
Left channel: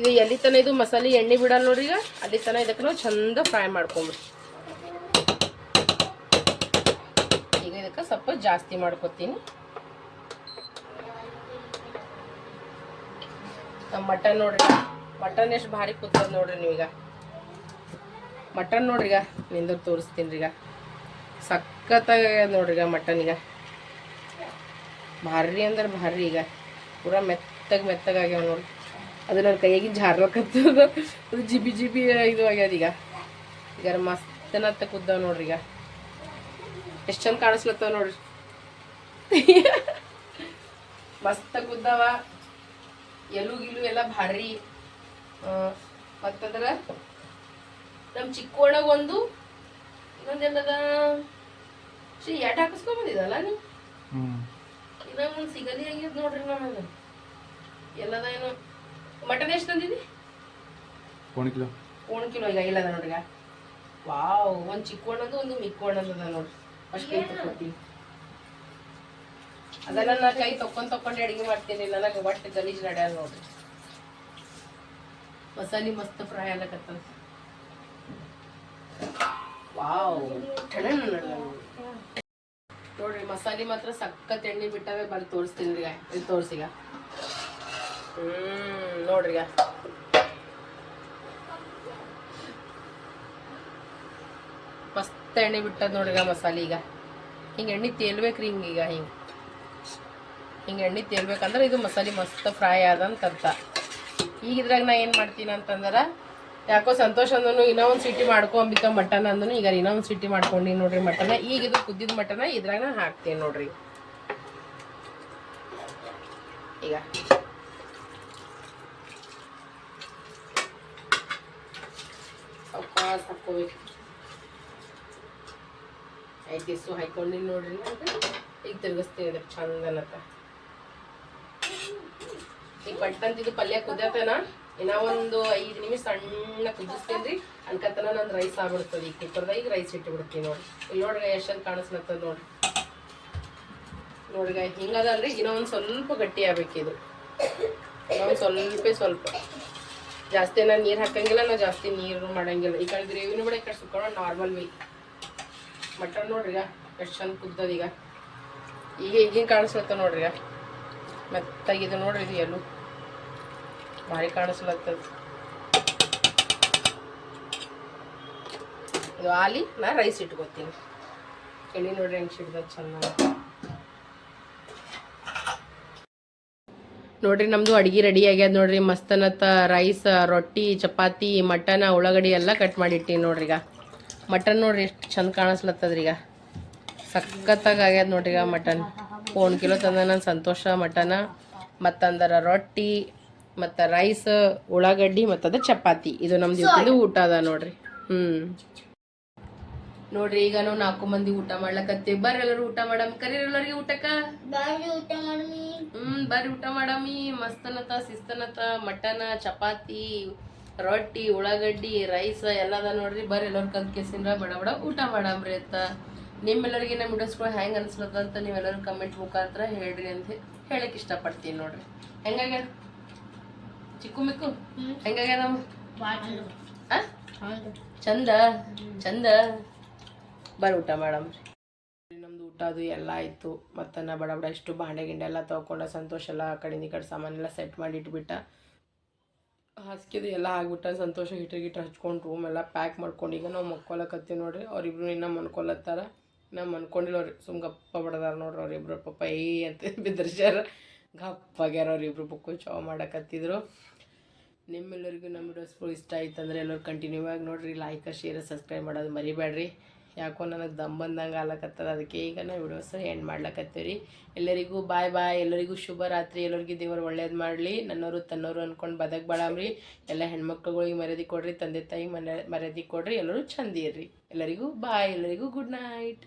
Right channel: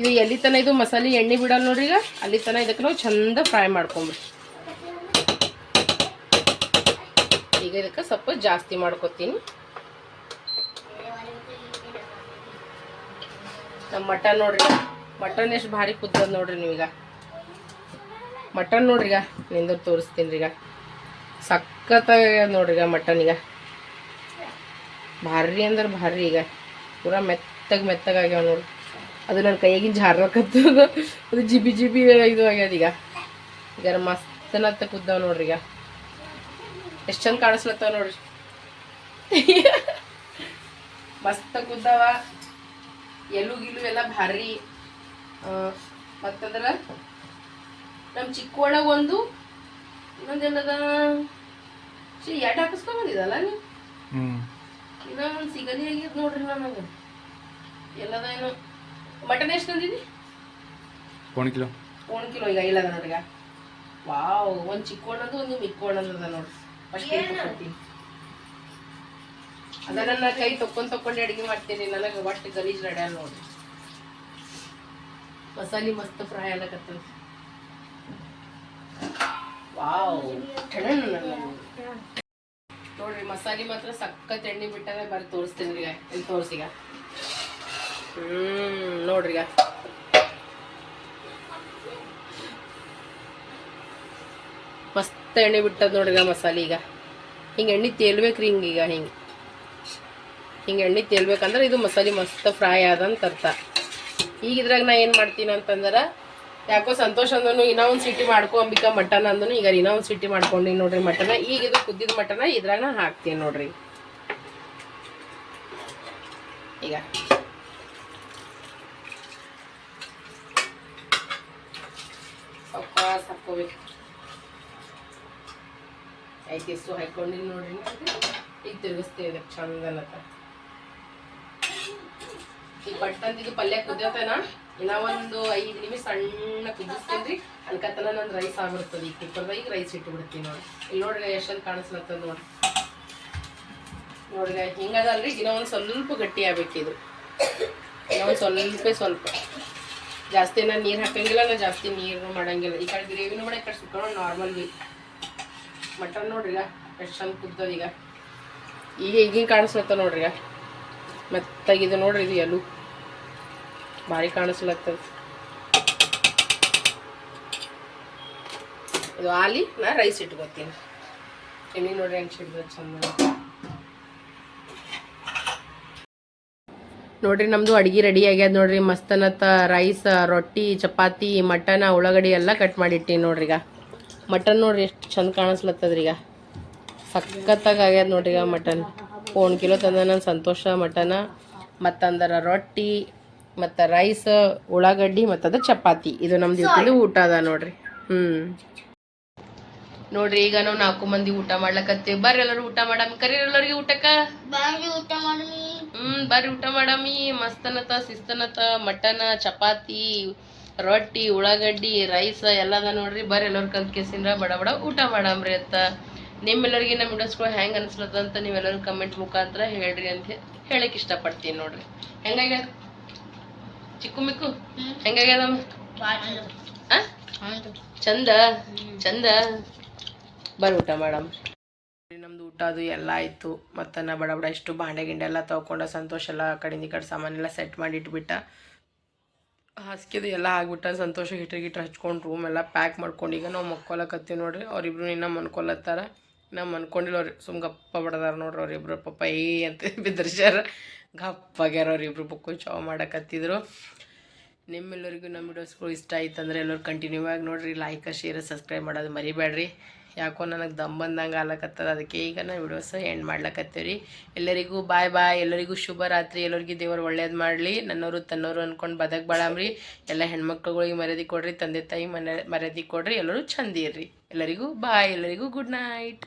ಇದು ಎಲ್ಲಿ ತನ ಇದು ಮಸಾಲೆ ಎಣ್ಣೆ ಬಿಡಲ್ಲ ನೋಡ್ರಿ ಈಗ, ಅಲ್ಲಿ ತನ ಇದಕ್ಕೆ ನಾವು ಚಂದ ಫ್ರೈ ಮಾಡ್ಕೊಂಬ್ರಿ ಈಗ ಇದಕ್ಕೆ ಸ್ವಲ್ಪ ಜಾಸ್ತಿ ಮಾಡ್ಕೊತೀನಿ. ನಮ್ಮ ಮಟನ್ ನೋಡ್ರಿ. ಮಟನ್ ಎಷ್ಟು ಭಾರಿ ಕುದ್ದದ ನೋಡ್ರಿ ನೀವೀಗ. ಮಟನ್ ನೋಡ್ರಿ ಈಗ ನಿಂದ ತೋರಿಸ್ತೀನಿ ಈಗ ಸಖತ್ತಾಗ ನೋಡ್ರಿ ಈಗ ಮಟನ್ ಈಗ. ಭಾರಿ ಅಂದ್ರೆ ಭಾರಿ ಈಗ. ಪೂರ ಮೆತ್ತಗೆ ಮೆತ್ತಗಾಗ್ಯಾವ ನೋಡ್ರಿ. ಅದು ನನ್ನ ಕೈಯಾಗಿನ ಜಾರಕತ್ತು ಅದು. ಜಿಬಿ ಜಿಬಿ ಇದು ಆಗ್ಯದ ಈಗ. ಈಗ ಮಸ್ತನತ್ತ ಕುದ್ದಾವ ನೋಡ್ರಿ ಈಗ. ಎಷ್ಟು ಚಂದ ಕಾಣಿಸ್ಲತ್ತವ ನೋಡ್ರಿ. ಮಸ್ತ ಕುದ್ದಾವ. ಎಲು ಗಿಲು ಎಲ್ಲ ಭಾರಿ. ಮತ್ತದ್ರ ನಮ್ಮ ಚಿಕ್ಕೋಳಗ ಒಂದು ಇನ್ನೊಂದೇನದ ಶ್ರೀ ಎಟ್ ಹಾಕಿಸ್ಕೊಂಡ್ ಬಂದಿದಲ್ಲ ನೀ? ಇನ್ನೊಂದು ಸಿಗಲಿ ಆಗಿದ್ ನೋಡ್ರಿ ನನಗೆ ಎಲ್ಲದ ಏನು? ಮಟನ್ ಎಷ್ಟು ತಂದಿದಿ? ಒಂದು ಕಿಲೋ. ಒಂದು ಕಿಲೋ ಈಗ ಇಲ್ಲದ ನನಗೆ ವಾವ್ ಒಂದು ಚಿಕ್ಕೋಣದು ಒಂದು ಮಿಕ್ಕೋಣದು ಅದ ನೋಡ್ರಿ ಫಸ್ಟ್ ಕೈ ತಕ್ಕೊತೀನಿ ಅದ ನನ್ನ ಕೈ ತಕ್ಕೊಂಡ್ ತಕ್ಕೊಂಡೆ ಅಡಿಗೆ ಮಾಡ್ತೀನಿ ನನಗೆ ಒಟ್ಟು ಗಲೀಜ್ ನಡೆಯಲ್ಲ ನೋಡ್ರಿ ಮಸಾಲೆ ಮಸ್ತ್ ಫ್ರೈ ಆಗಕತ್ತದ ವಾವ್ ಠಣನ್ ನೋಡ್ರಿ, ಮಸಾಲೆ ಮಾತ್ರ ಸಖತ್ ಎಣ್ಣೆ ಬಿಟ್ಟಾಗ ಬರ್ ತೋರಿಸ್ತೀನಿ ಈಗ ಇಲ್ಲಿ ತೋರಿಸಿಗ ಹ್ಮ್, ನೋಡ್ರಿ ಈಗ. ಮಸ್ತ್ ಎಣ್ಣೆ ಬಿಟ್ಟದ ನೋಡ್ರಿ ಮಸಾಲಿ ಈಗ. ಹಿಂಗೆ ಎಣ್ಣೆ ತೇಲ್ಬೇಕ್ರಿ ಹಿಂಗೀಗ ಹಿಂಗೆ. ಹಿಂಗೆ ಎಣ್ಣೆ ತೇಲ್ಬೇಕಂದ್ರೆ ಇದು ಮಸಾಲೆ ಮಸ್ತ್ ಫ್ರೈ ಆದಂತ ಅರ್ಥ ಈಗ ಇದ್ರಾಗ ನಾ ಏನು ಮಾಡ್ತೀನಿ ಅಂತಂದ್ರೆ, ಯಾಕೋ ಸಂತೋಷ ಅಂದನು ಇನ್ನೂ ಒಂದು ಸಿಟಿ ಮಾಡ್ಕೊ ಅಂಬಿಕಾ ಮಟನ್ ಅಂದನು ಈಗ ಇನ್ನೂ ಒಂದು ಸಿಟಿ ಮಾಡ್ಕೊಂಡು ನೋಡ್ರಿ ಮಟನ. ಈಗ ಇದು ಕುದ್ದಿದ ಮಟನ, ಇದ್ರಾಗ ನಾ ಹಾಕ್ತೀನಿ ನೋಡ್ರಿ. ಈಗ. ಹಾಕೋಬೇಕು ದಿವಸ ಹಾಕೊಂಡಿನಿ ನೋಡ್ರಿ ಈಗ ತಿರ್ಗಿಸ್ತೀನಿ ಇದಕ್ಕೆ ಈಗ ಪಟ್ಟಂತಿದ್ದು ಪಲ್ಯ ಕುದಿಯತನ. ಇನ್ನ ಒಂದು ಐದು ನಿಮಿಷ ಸಣ್ಣ ಕುದಿಸ್ತೇನೆ ರೀ ಅನ್ಕತನ ನಂದು ರೈಸ್ ಆಗ್ಬಿಡ್ತದೆ ಈಗ ಕುಕ್ಕರ್ದಾಗ ಈಗ ರೈಸ್ ಇಟ್ಟು ಬಿಡ್ತೀನಿ ನೋಡಿ ಇಲ್ಲಿ ನೋಡ್ರಿ ಎಷ್ಟೊಂದು ಕಾಣಿಸ್ಲತ್ತದ ನೋಡಿ ನೋಡ್ರಿ ಹಿಂಗದಲ್ರಿ ಇನ್ನೂ ಒಂದು ಸ್ವಲ್ಪ ಗಟ್ಟಿ ಆಗ್ಬೇಕು ಇದು. ಇನ್ನೂ ಒಂದು ಸ್ವಲ್ಪ ಸ್ವಲ್ಪ. ಜಾಸ್ತಿ ನಾನು ನೀರು ಹಾಕಂಗಿಲ್ಲ, ನಾ ಜಾಸ್ತಿ ನೀರು ಮಾಡಂಗಿಲ್ಲ. ಈ ಕಡೆ ಗ್ರೇವಿನೂ ಕೂಡ ಈ ಕಡೆ ಸುಕ್ಕ ನಾರ್ಮಲ್ ಬಿ ಮಟನ್ ನೋಡ್ರಿ ಈಗ, ಎಷ್ಟು ಚಂದ ಕುದ್ದದ ಈಗ. ಈಗ ಈಗಿನ ಕಾಣಿಸ್ಲತ್ತ ನೋಡ್ರಿ ಈಗ. ಮೆತ್ತಾಗಿದೆ ನೋಡ್ರಿ ಇದು ಎಲ್ಲೂ ಭಾರಿ ಕಾಣಿಸ್ಲತ್ತದ ಇದು ಆಲಿ ನಾ ರೈಸ್ ಇಟ್ಕೋತೀನಿ. ಎಣ್ಣೆ ನೋಡ್ರಿ ಹೆಂಗೆ ಚಂದ ನೋಡ್ರಿ ನಮ್ದು ಅಡ್ಗೆ ರೆಡಿ ಆಗ್ಯದ ನೋಡ್ರಿ. ಮಸ್ತನತ್ತ ರೈಸ್ ರೊಟ್ಟಿ, ಚಪಾತಿ, ಮಟನ್, ಉಳ್ಳಾಗಡ್ಡಿ ಎಲ್ಲ ಕಟ್ ಮಾಡಿಟ್ಟಿನಿ ನೋಡ್ರಿ ಈಗ. ಮಟನ್ ನೋಡ್ರಿ ಎಷ್ಟು ಚಂದ ಕಾಣಿಸ್ಲತ್ತದ್ರಿ ಈಗ ಸಖತ್ತಾಗಿ ಆಗ್ಯದ ನೋಡ್ರಿ ಈಗ ಮಟನ್. ಒಂದು ಕಿಲೋ ತಂದ ನಾನು ಸಂತೋಷ ಮಟನ ಮತ್ತಂದರ ರೊಟ್ಟಿ ಮತ್ತು ರೈಸ್ ಉಳ್ಳಾಗಡ್ಡಿ ಮತ್ತದ ಚಪಾತಿ. ಇದು ನಮ್ದು ಇವತ್ತಿಂದು ಊಟ ಅದ ನೋಡ್ರಿ. ಹ್ಞೂ ನೋಡ್ರಿ ಈಗ ನಾವು ನಾಲ್ಕು ಮಂದಿ ಊಟ ಮಾಡ್ಲಕತ್ತೀವಿ. ಬರ್ರಿ ಎಲ್ಲರೂ ಊಟ ಮಾಡಮ್ಮ ಕರೀರಿ ಎಲ್ಲರಿಗೆ ಊಟಕ್ಕ? ಊಟ ಮಾಡಿ ಹ್ಮ್ ಬರ್ರಿ ಊಟ ಮಾಡಮ್ಮಿ ಮಸ್ತನತ ಶಿಸ್ತನತ ಮಟನ ಚಪಾತಿ ರೊಟ್ಟಿ ಉಳ್ಳಾಗಡ್ಡಿ ರೈಸ್ ಎಲ್ಲದ ನೋಡ್ರಿ. ಬರ್ರಿ ಎಲ್ಲರೂ ಕಲ್ತ್ ಕೇಸಿಂದ ಬಡ ಬಡ ಊಟ ಮಾಡಮ್ರಿ ಅಂತ. ನಿಮ್ಮೆಲ್ಲರಿಗೆ ನಮ್ಮ ವಿಡಿಯೋಸ್ಗಳು ಹೆಂಗೆ ಅನಿಸ್ಲತ್ತ ಅಂತ ನೀವೆಲ್ಲರೂ ಕಮೆಂಟ್ ಮುಖಾಂತರ ಹೇಳ್ರಿ ಅಂತ ಹೇಳಕ್ಕೆ ಇಷ್ಟಪಡ್ತೀನಿ ನೋಡ್ರಿ. ಹೆಂಗಾಗ್ಯದ ಚಿಕ್ಕು ಮಿಕ್ಕು? ಹೆಂಗಾಗ್ಯದ ಆ? ಚಂದ? ಚಂದ? ಬರ್ ಊಟ ಮೇಡಮ್ ನಮ್ದು ಊಟ ಅದು ಎಲ್ಲ ಆಯಿತು. ಮತ್ತು ನಾ ಬಡ ಬಡ ಇಷ್ಟು ಬಾಂಡೆ ಗಿಂಡೆ ಎಲ್ಲ ತೊಗೊಂಡ ಸಂತೋಷ ಎಲ್ಲ ಆ ಕಡೆಯಿಂದ ಈ ಕಡೆ ಸಾಮಾನೆಲ್ಲ ಸೆಟ್ ಮಾಡಿ ಇಟ್ಬಿಟ್ಟ ಹಾಸಿಗೆದು ಎಲ್ಲ ಆಗ್ಬಿಟ್ಟ ಸಂತೋಷ ಹಿಟ್ರ್ ಗಿಟ್ರ್ ಹಚ್ಕೊಂಡು ರೂಮ್ ಎಲ್ಲ ಪ್ಯಾಕ್ ಮಾಡ್ಕೊಂಡು ಈಗ ನಾವು ಮಕ್ಕೊಲಕತ್ತೀವಿ ನೋಡ್ರಿ. ಅವ್ರಿಬ್ರು ಇನ್ನೂ ಮನ್ಕೊಲತ್ತಾರ. ನಾ ಅನ್ಕೊಂಡಿಲ್ಲವ್ರಿ ಸುಮ್ ಗಪ್ಪ ಬಡದಾರ ನೋಡ್ರಿ ಅವ್ರಿಬ್ರು ಪಾಪ ಏ ಅಂತ [laughs] ಬಿದ್ದರ್ಸ್ಯಾರ. ಗಪ್ಪಾಗ್ಯಾರ ಅವ್ರಿಬ್ರು ಬುಕ್ಕು ಚಾವ್ ಮಾಡಕತ್ತಿದ್ರು. ನಿಮ್ಮೆಲ್ಲರಿಗೂ ನಮ್ಮ ವಿಡಿಯೋಸ್ಗಳು ಇಷ್ಟ ಆಯ್ತಂದ್ರೆ ಎಲ್ಲರೂ ಕಂಟಿನ್ಯೂ ಆಗಿ ನೋಡ್ರಿ ಲೈಕ್ ಶೇರ್ ಸಬ್ಸ್ಕ್ರೈಬ್ ಮಾಡೋದು ಮರಿಬೇಡ್ರಿ ಯಾಕೋ ನನಗೆ ದಮ್ ಬಂದಂಗೆ ಆಲಕತ್ತದ ಅದಕ್ಕೆ ಈಗ ನಾ ವಿಡಿಯೋಸ್ ಎಂಡ್ ಮಾಡ್ಲಕತ್ತೀವಿ ಎಲ್ಲರಿಗೂ ಬಾಯ್ ಬಾಯ್ ಎಲ್ಲರಿಗೂ ಶುಭ ರಾತ್ರಿ ಎಲ್ಲರಿಗೂ ದೇವರು ಒಳ್ಳೇದು ಮಾಡಲಿ. ನನ್ನವರು ತನ್ನವರು ಅಂದ್ಕೊಂಡು ಬದಕ್ ಬಾಳಾಮ್ರಿ. ಎಲ್ಲ ಹೆಣ್ಮಕ್ಳುಗಳಿಗೆ ಮರ್ಯಾದೆ ಕೊಡ್ರಿ, ತಂದೆ ತಾಯಿ ಮನೆ ಮರ್ಯಾದೆ ಕೊಡ್ರಿ, ಎಲ್ಲರೂ ಚಂದ ಇರ್ರಿ. ಎಲ್ಲರಿಗೂ ಬಾಯ್ ಎಲ್ಲರಿಗೂ ಗುಡ್ ನೈಟ್